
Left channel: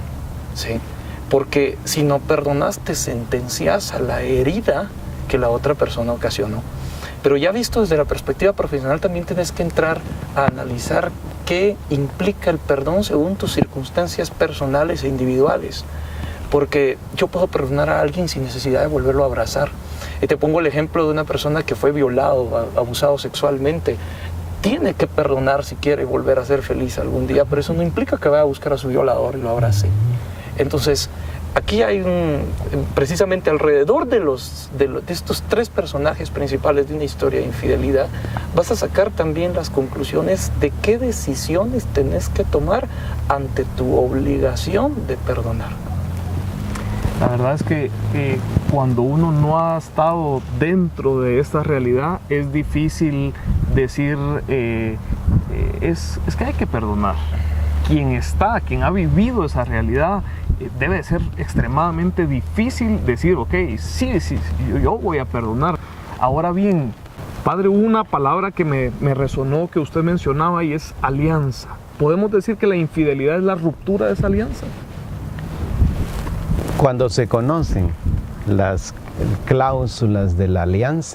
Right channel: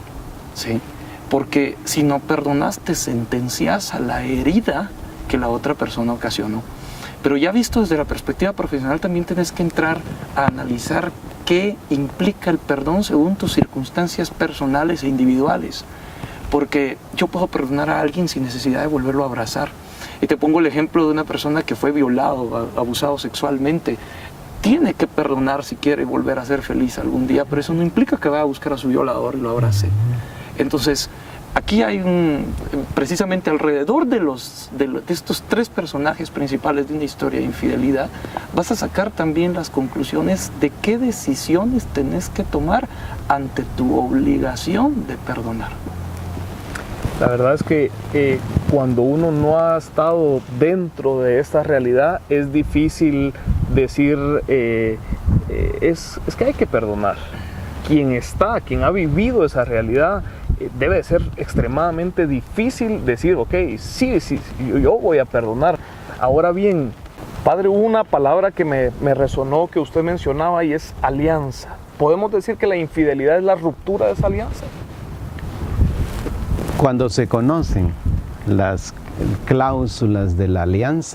¿sí? Porque si no perdonas, te sentencias a la herida que la otra persona ocasionó. Pero ya visto desde la perspectiva profesional, también tienes que entrar a analizar qué implica el perdón según tus circunstancias personales e individuales. Porque yo puedo perdonar a alguien sin necesidad de volverlo a abrazar. Y te pongo el ejemplo de una persona que fue violado, abusado sexualmente. Tiene que perdonar si quiere volver a ser feliz algún día, pero eso no implica que vaya a buscar a su violador y lo abrace. Entonces, aquí hay precisamente alrededor de estos 3 personajes principales de una historia de infidelidad, vas a sacar también las conclusiones de qué decisiones tenés que tomar ante tu obligación de perdonar. La verdad es que cuando uno no ha estado dentro de esta realidad, es difícil decir, es que hay que perdonar. Quien ha vivido esa realidad, debe ser extremadamente difícil decir, ok, sí, yo voy a perdonar. Ahora bien, padre, hubo una palabra que me resonó, que usted mencionaba, y es alianza. ¿Podemos decir que la infidelidad es la ruptura de esa alianza? Cuando se conocen las cláusulas de la alianza,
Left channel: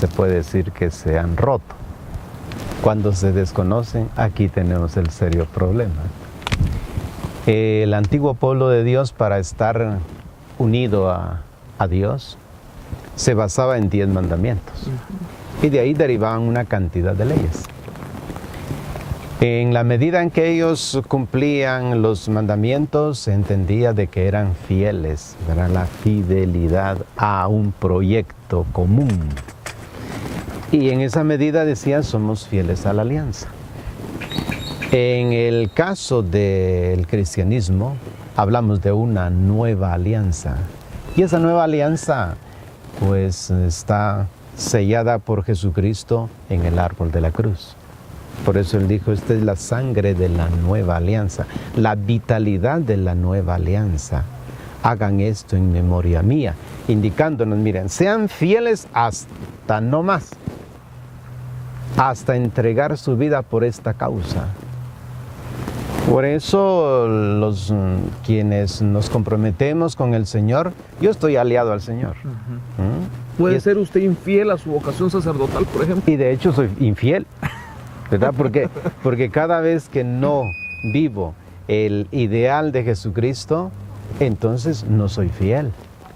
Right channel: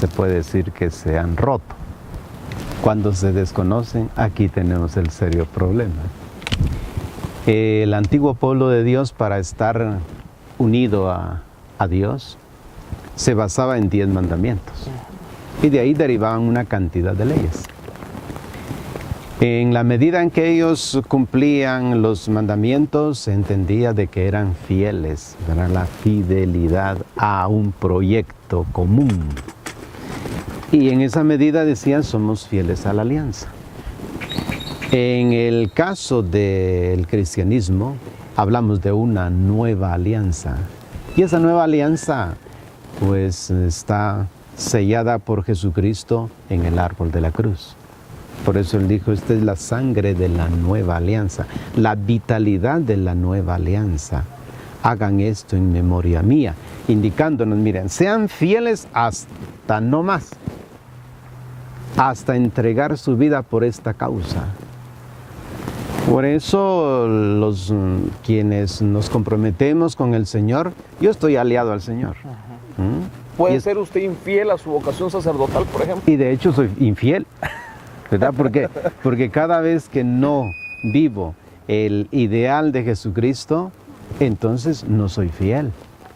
se puede decir que se han roto. Cuando se desconocen, aquí tenemos el serio problema. El antiguo pueblo de Dios, para estar unido a Dios, se basaba en 10 mandamientos. Y de ahí derivaban una cantidad de leyes. En la medida en que ellos cumplían los mandamientos, se entendía de que eran fieles, era la fidelidad a un proyecto común. Y en esa medida decía, somos fieles a la alianza. En el caso del cristianismo, hablamos de una nueva alianza. Y esa nueva alianza, pues, está sellada por Jesucristo en el árbol de la cruz. Por eso él dijo, esta es la sangre de la nueva alianza, la vitalidad de la nueva alianza. Hagan esto en memoria mía, indicándonos, miren, sean fieles hasta no más, hasta entregar su vida por esta causa. Por eso los quienes nos comprometemos con el Señor, yo estoy aliado al Señor. ¿Puede ser usted infiel a su vocación sacerdotal, por ejemplo? Y de hecho soy infiel. Porque cada vez que no vivo el ideal de Jesucristo, entonces no soy fiel.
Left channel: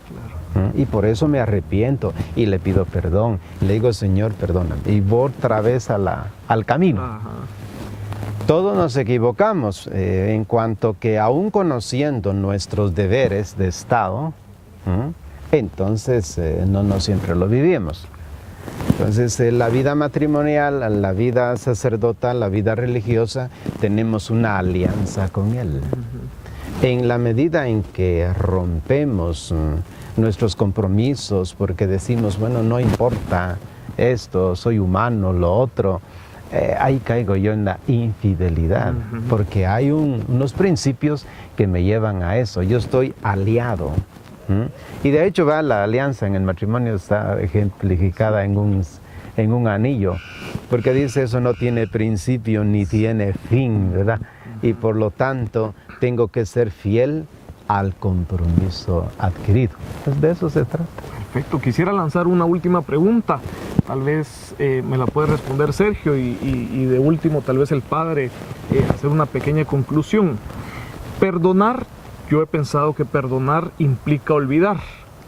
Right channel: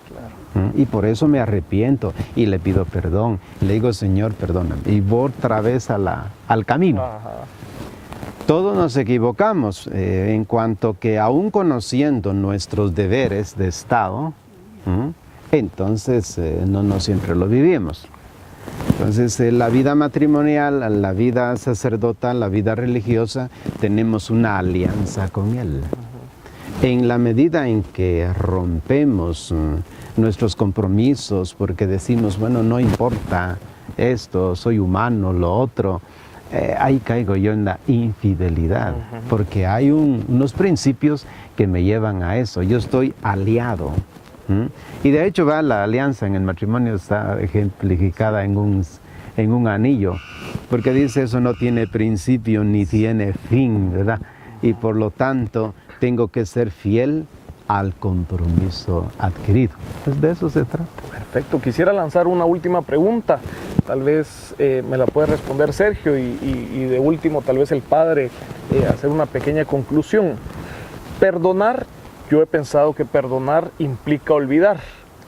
Claro. Y por eso me arrepiento y le pido perdón. Le digo, Señor, perdóname. Y voy otra vez al camino. Ajá. Todos nos equivocamos en cuanto que aún conociendo nuestros deberes de Estado, entonces no nos siempre lo vivimos. Entonces, la vida matrimonial, la vida sacerdotal, la vida religiosa, tenemos una alianza con Él. En la medida en que rompemos nuestros compromisos, porque decimos, bueno, no importa esto, soy humano, lo otro, ahí caigo yo en la infidelidad, porque hay unos principios que me llevan a eso. Yo estoy aliado. Y de hecho la alianza en el matrimonio está ejemplificada en un anillo, porque dice eso no tiene principio ni tiene fin, ¿verdad? Y por lo tanto tengo que ser fiel al compromiso adquirido. Pues de eso se trata. Perfecto. Quisiera lanzar una última pregunta. Tal vez me la puede responder Sergio y de último tal vez el padre hacer una pequeña conclusión. Perdonar. Yo he pensado que perdonar implica olvidar,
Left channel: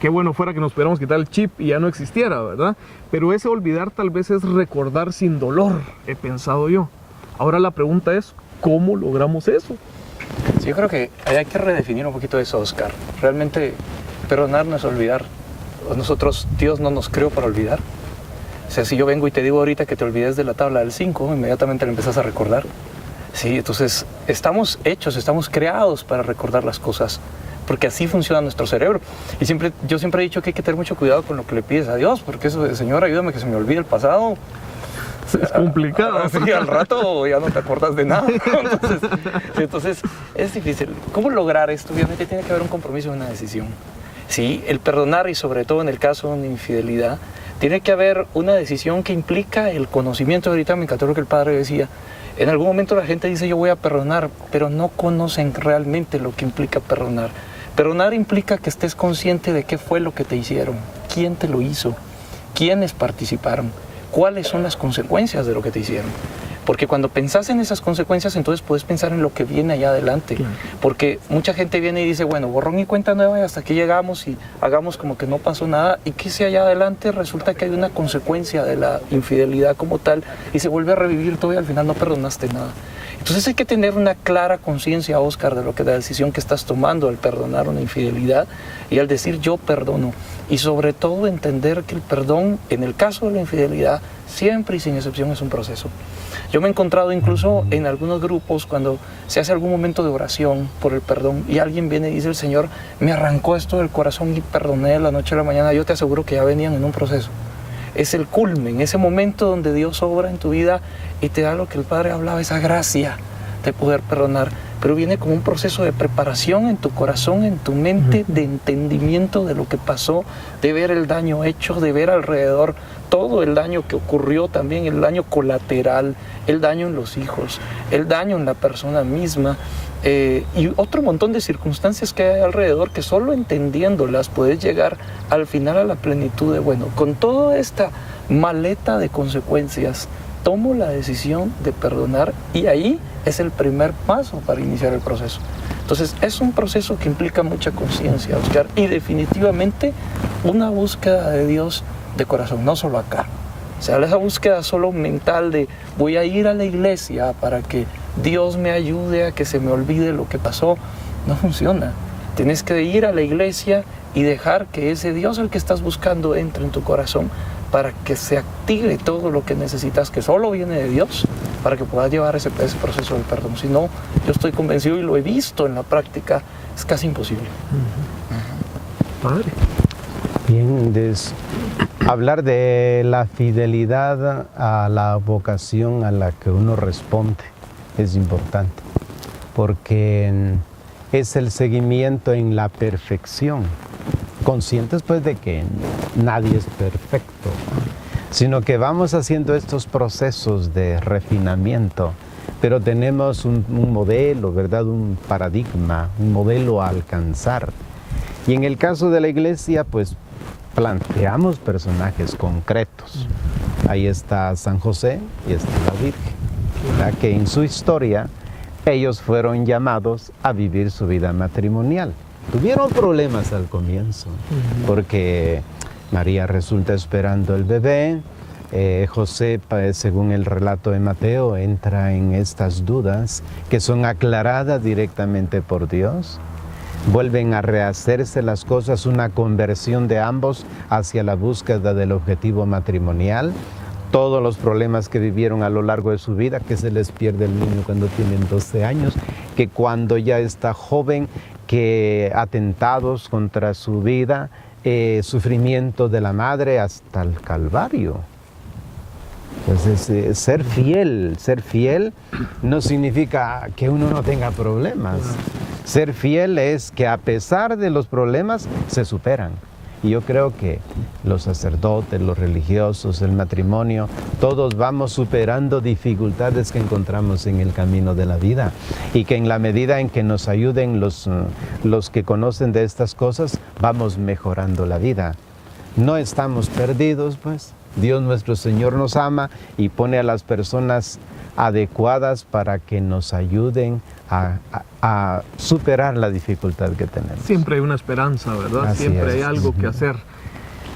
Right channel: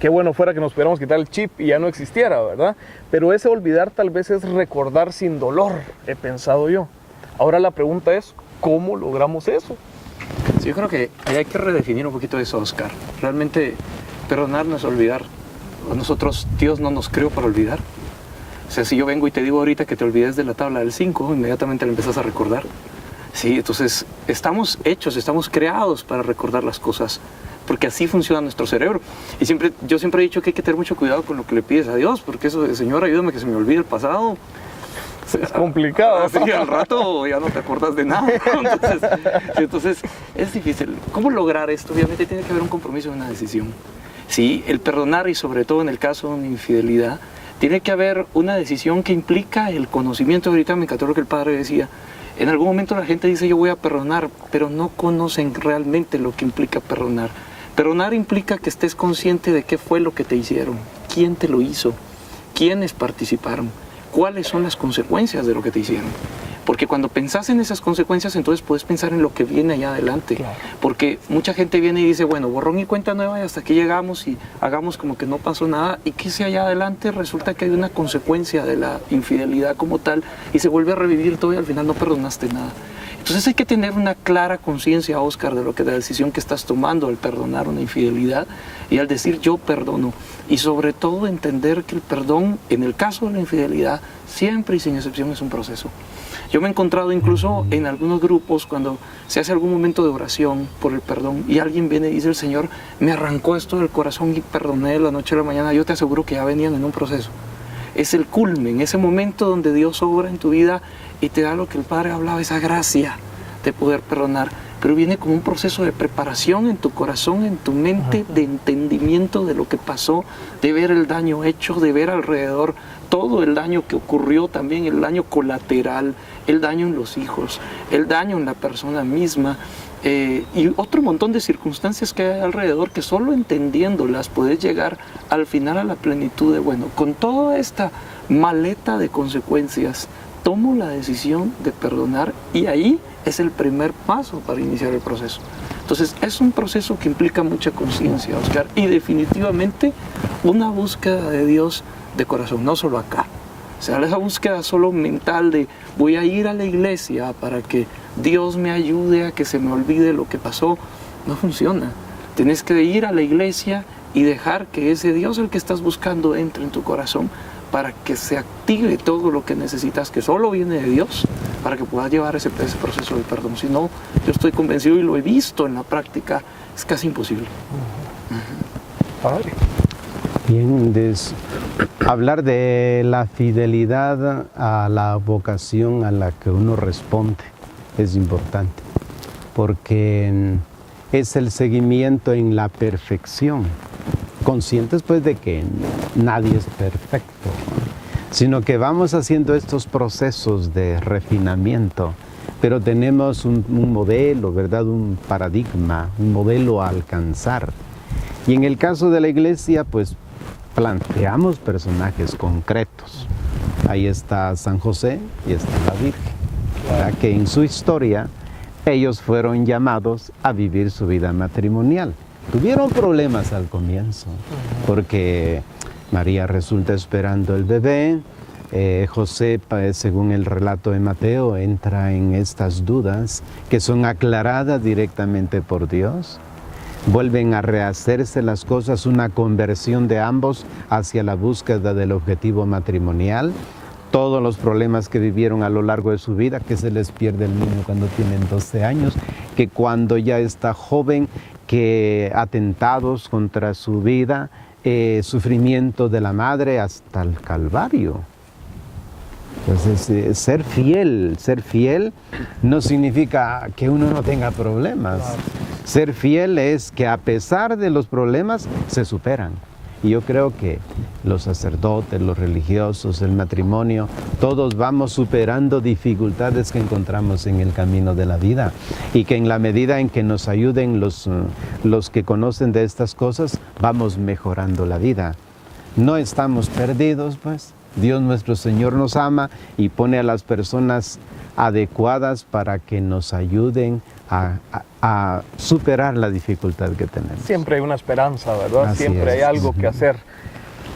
qué bueno fuera que nos pudiéramos quitar el chip y ya no existiera, ¿verdad? Pero ese olvidar tal vez es recordar sin dolor, he pensado yo. Ahora la pregunta es, ¿cómo logramos eso? Sí, yo creo que hay que redefinir un poquito eso, Oscar. Realmente perdonar no es olvidar. Nosotros, Dios no nos creó para olvidar. O sea, si yo vengo y te digo ahorita que te olvides de la tabla del 5, inmediatamente le empiezas a recordar. Sí, entonces estamos hechos, estamos creados para recordar las cosas, porque así funciona nuestro cerebro. Y yo siempre he dicho que hay que tener mucho cuidado con lo que le pides a Dios, porque eso de, Señor, ayúdame que se me olvide el pasado. Es complicado. Sí, al rato ya no te acuerdas de nada. Entonces es difícil. ¿Cómo lograr esto? Obviamente tiene que haber un compromiso y una decisión. Sí, el perdonar, y sobre todo en el caso de una infidelidad, tiene que haber una decisión que implica el conocimiento. Ahorita me encantó lo que el padre decía. En algún momento la gente dice yo voy a perdonar, pero no conocen realmente lo que implica perdonar. Perdonar implica que estés consciente de qué fue lo que te hicieron, quién te lo hizo, quiénes participaron, cuáles son las consecuencias de lo que te hicieron. Porque cuando pensás en esas consecuencias, entonces puedes pensar en lo que viene allá adelante. Claro. Porque mucha gente viene y dice, bueno, borrón y cuenta nueva y hasta aquí llegamos y hagamos como que no pasó nada. Y que si allá adelante resulta que hay una consecuencia de la infidelidad como tal y se vuelve a revivir todo y al final no perdonaste nada. Entonces hay que tener una clara conciencia, Oscar, de lo que la decisión que estás tomando al perdonar una infidelidad y al decir yo perdono. Y sobre todo entender que el perdón, en el caso de la infidelidad, siempre y sin excepción es un proceso. Yo me he encontrado incluso en algunos grupos cuando se hace algún momento de oración por el perdón y alguien viene y dice, el Señor me arrancó esto del corazón y perdoné de la noche a la mañana. Yo te aseguro que ya venían en un proceso. Es el culmen, ese momento donde Dios obra en tu vida y te da lo que el Padre hablaba, esa gracia de poder perdonar. Pero viene como un proceso de preparación en tu corazón, en tu mente, de entendimiento de lo que pasó, de ver el daño hecho, de ver alrededor todo el daño que ocurrió también, el daño colateral, el daño en los hijos, el daño en la persona misma, y otro montón de circunstancias que hay alrededor que solo entendiéndolas puedes llegar al final a la plenitud de, bueno, con toda esta maleta de consecuencias, tomo la decisión de perdonar y ahí es el primer paso para iniciar el proceso. Entonces es un proceso que implica mucha conciencia, Oscar, y definitivamente una búsqueda de Dios de corazón, no solo acá. O sea, esa búsqueda solo mental de voy a ir a la iglesia para que Dios me ayude a que se me olvide lo que pasó, no funciona. Tienes que ir a la iglesia y dejar que ese Dios al que estás buscando entre en tu corazón para que se active todo lo que necesitas, que solo viene de Dios, para que puedas llevar ese proceso del perdón. Si no, yo estoy convencido y lo he visto en la práctica, es casi imposible. Padre. Bien, hablar de la fidelidad a la vocación a la que uno responde es importante, porque es el seguimiento en la perfección, conscientes pues de que nadie es perfecto, sino que vamos haciendo estos procesos de refinamiento, pero tenemos un modelo, ¿verdad? Un paradigma, un modelo a alcanzar. Y en el caso de la iglesia, pues planteamos personajes concretos. Ahí está San José y está la Virgen, claro, que en su historia ellos fueron llamados a vivir su vida matrimonial. Tuvieron problemas al comienzo, porque María resulta esperando el bebé, José, según el relato de Mateo, entra en estas dudas que son aclaradas directamente por Dios. Vuelven a rehacerse las cosas, una conversión de ambos hacia la búsqueda del objetivo matrimonial. Todos los problemas que vivieron a lo largo de su vida, que se les pierde el niño cuando tienen 12 años, que cuando ya está joven, que atentados contra su vida, sufrimiento de la madre hasta el Calvario. Entonces, ser fiel no significa que uno no tenga problemas. Claro. Ser fiel es que a pesar de los problemas se superan. Y yo creo que los sacerdotes, los religiosos, el matrimonio, todos vamos superando dificultades que encontramos en el camino de la vida. Y que en la medida en que nos ayuden los que conocen de estas cosas, vamos mejorando la vida. No estamos perdidos, pues. Dios nuestro Señor nos ama y pone a las personas adecuadas para que nos ayuden a superar la dificultad que tenemos. Siempre hay una esperanza, ¿verdad? Siempre hay algo que hacer.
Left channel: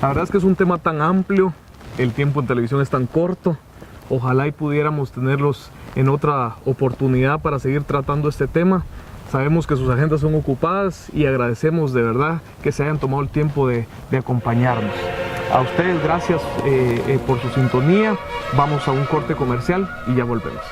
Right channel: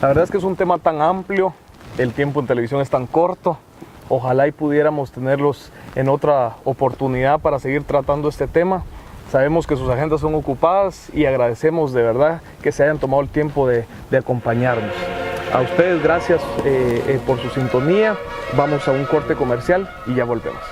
La verdad es que es un tema tan amplio, el tiempo en televisión es tan corto. Ojalá y pudiéramos tenerlos en otra oportunidad para seguir tratando este tema. Sabemos que sus agendas son ocupadas y agradecemos de verdad que se hayan tomado el tiempo de acompañarnos. A ustedes gracias por su sintonía. Vamos a un corte comercial y ya volvemos.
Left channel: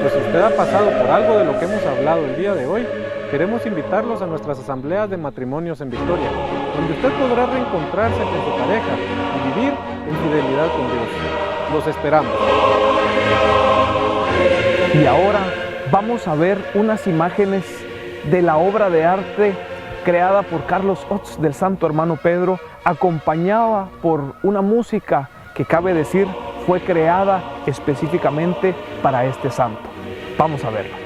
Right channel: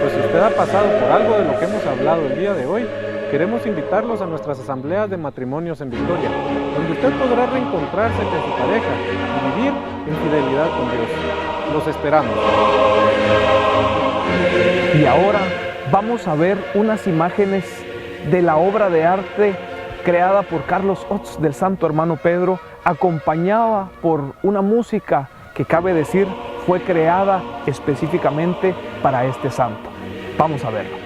Pues si usted ha pasado por algo de lo que hemos hablado el día de hoy, queremos invitarlos a nuestras asambleas de matrimonios en Victoria, donde usted podrá reencontrarse con su pareja y vivir en fidelidad con Dios. Los esperamos. Y ahora vamos a ver unas imágenes de la obra de arte creada por Carlos Ots del Santo Hermano Pedro, acompañada por una música que cabe decir fue creada específicamente para este santo. Vamos a verlo.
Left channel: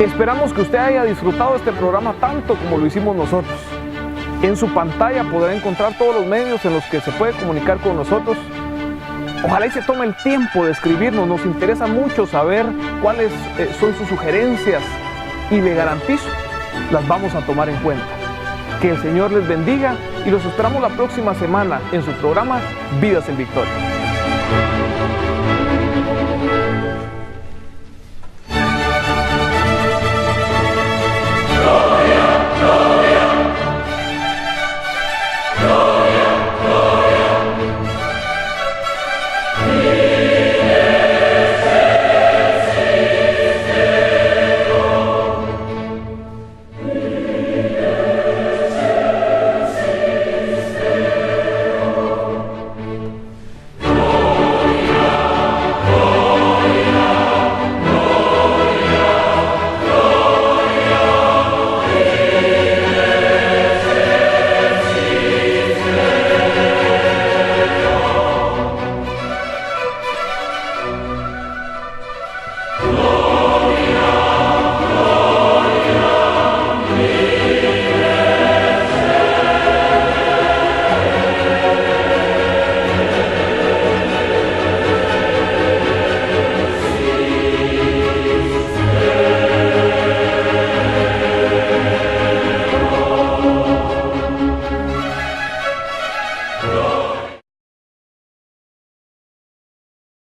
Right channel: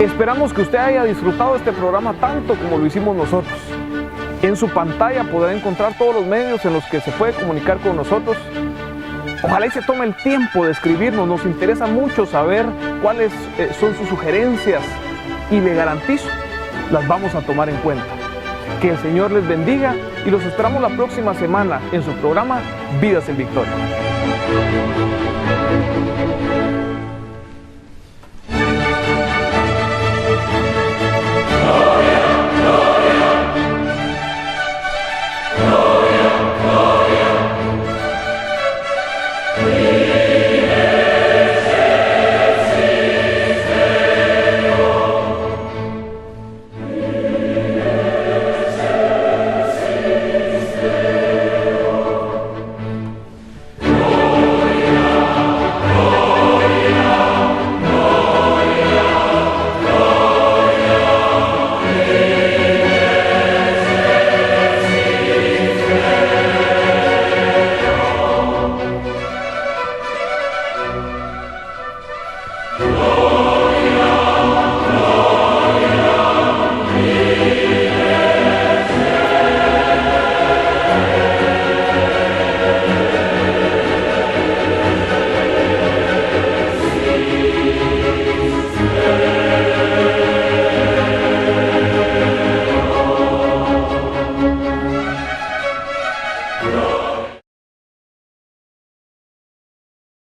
Esperamos que usted haya disfrutado este programa tanto como lo hicimos nosotros. En su pantalla podrá encontrar todos los medios en los que se puede comunicar con nosotros. Ojalá y se tome el tiempo de escribirnos, nos interesa mucho saber cuáles son sus sugerencias y le garantizo, las vamos a tomar en cuenta. Que el Señor les bendiga y los esperamos la próxima semana en su programa Vidas en Victoria.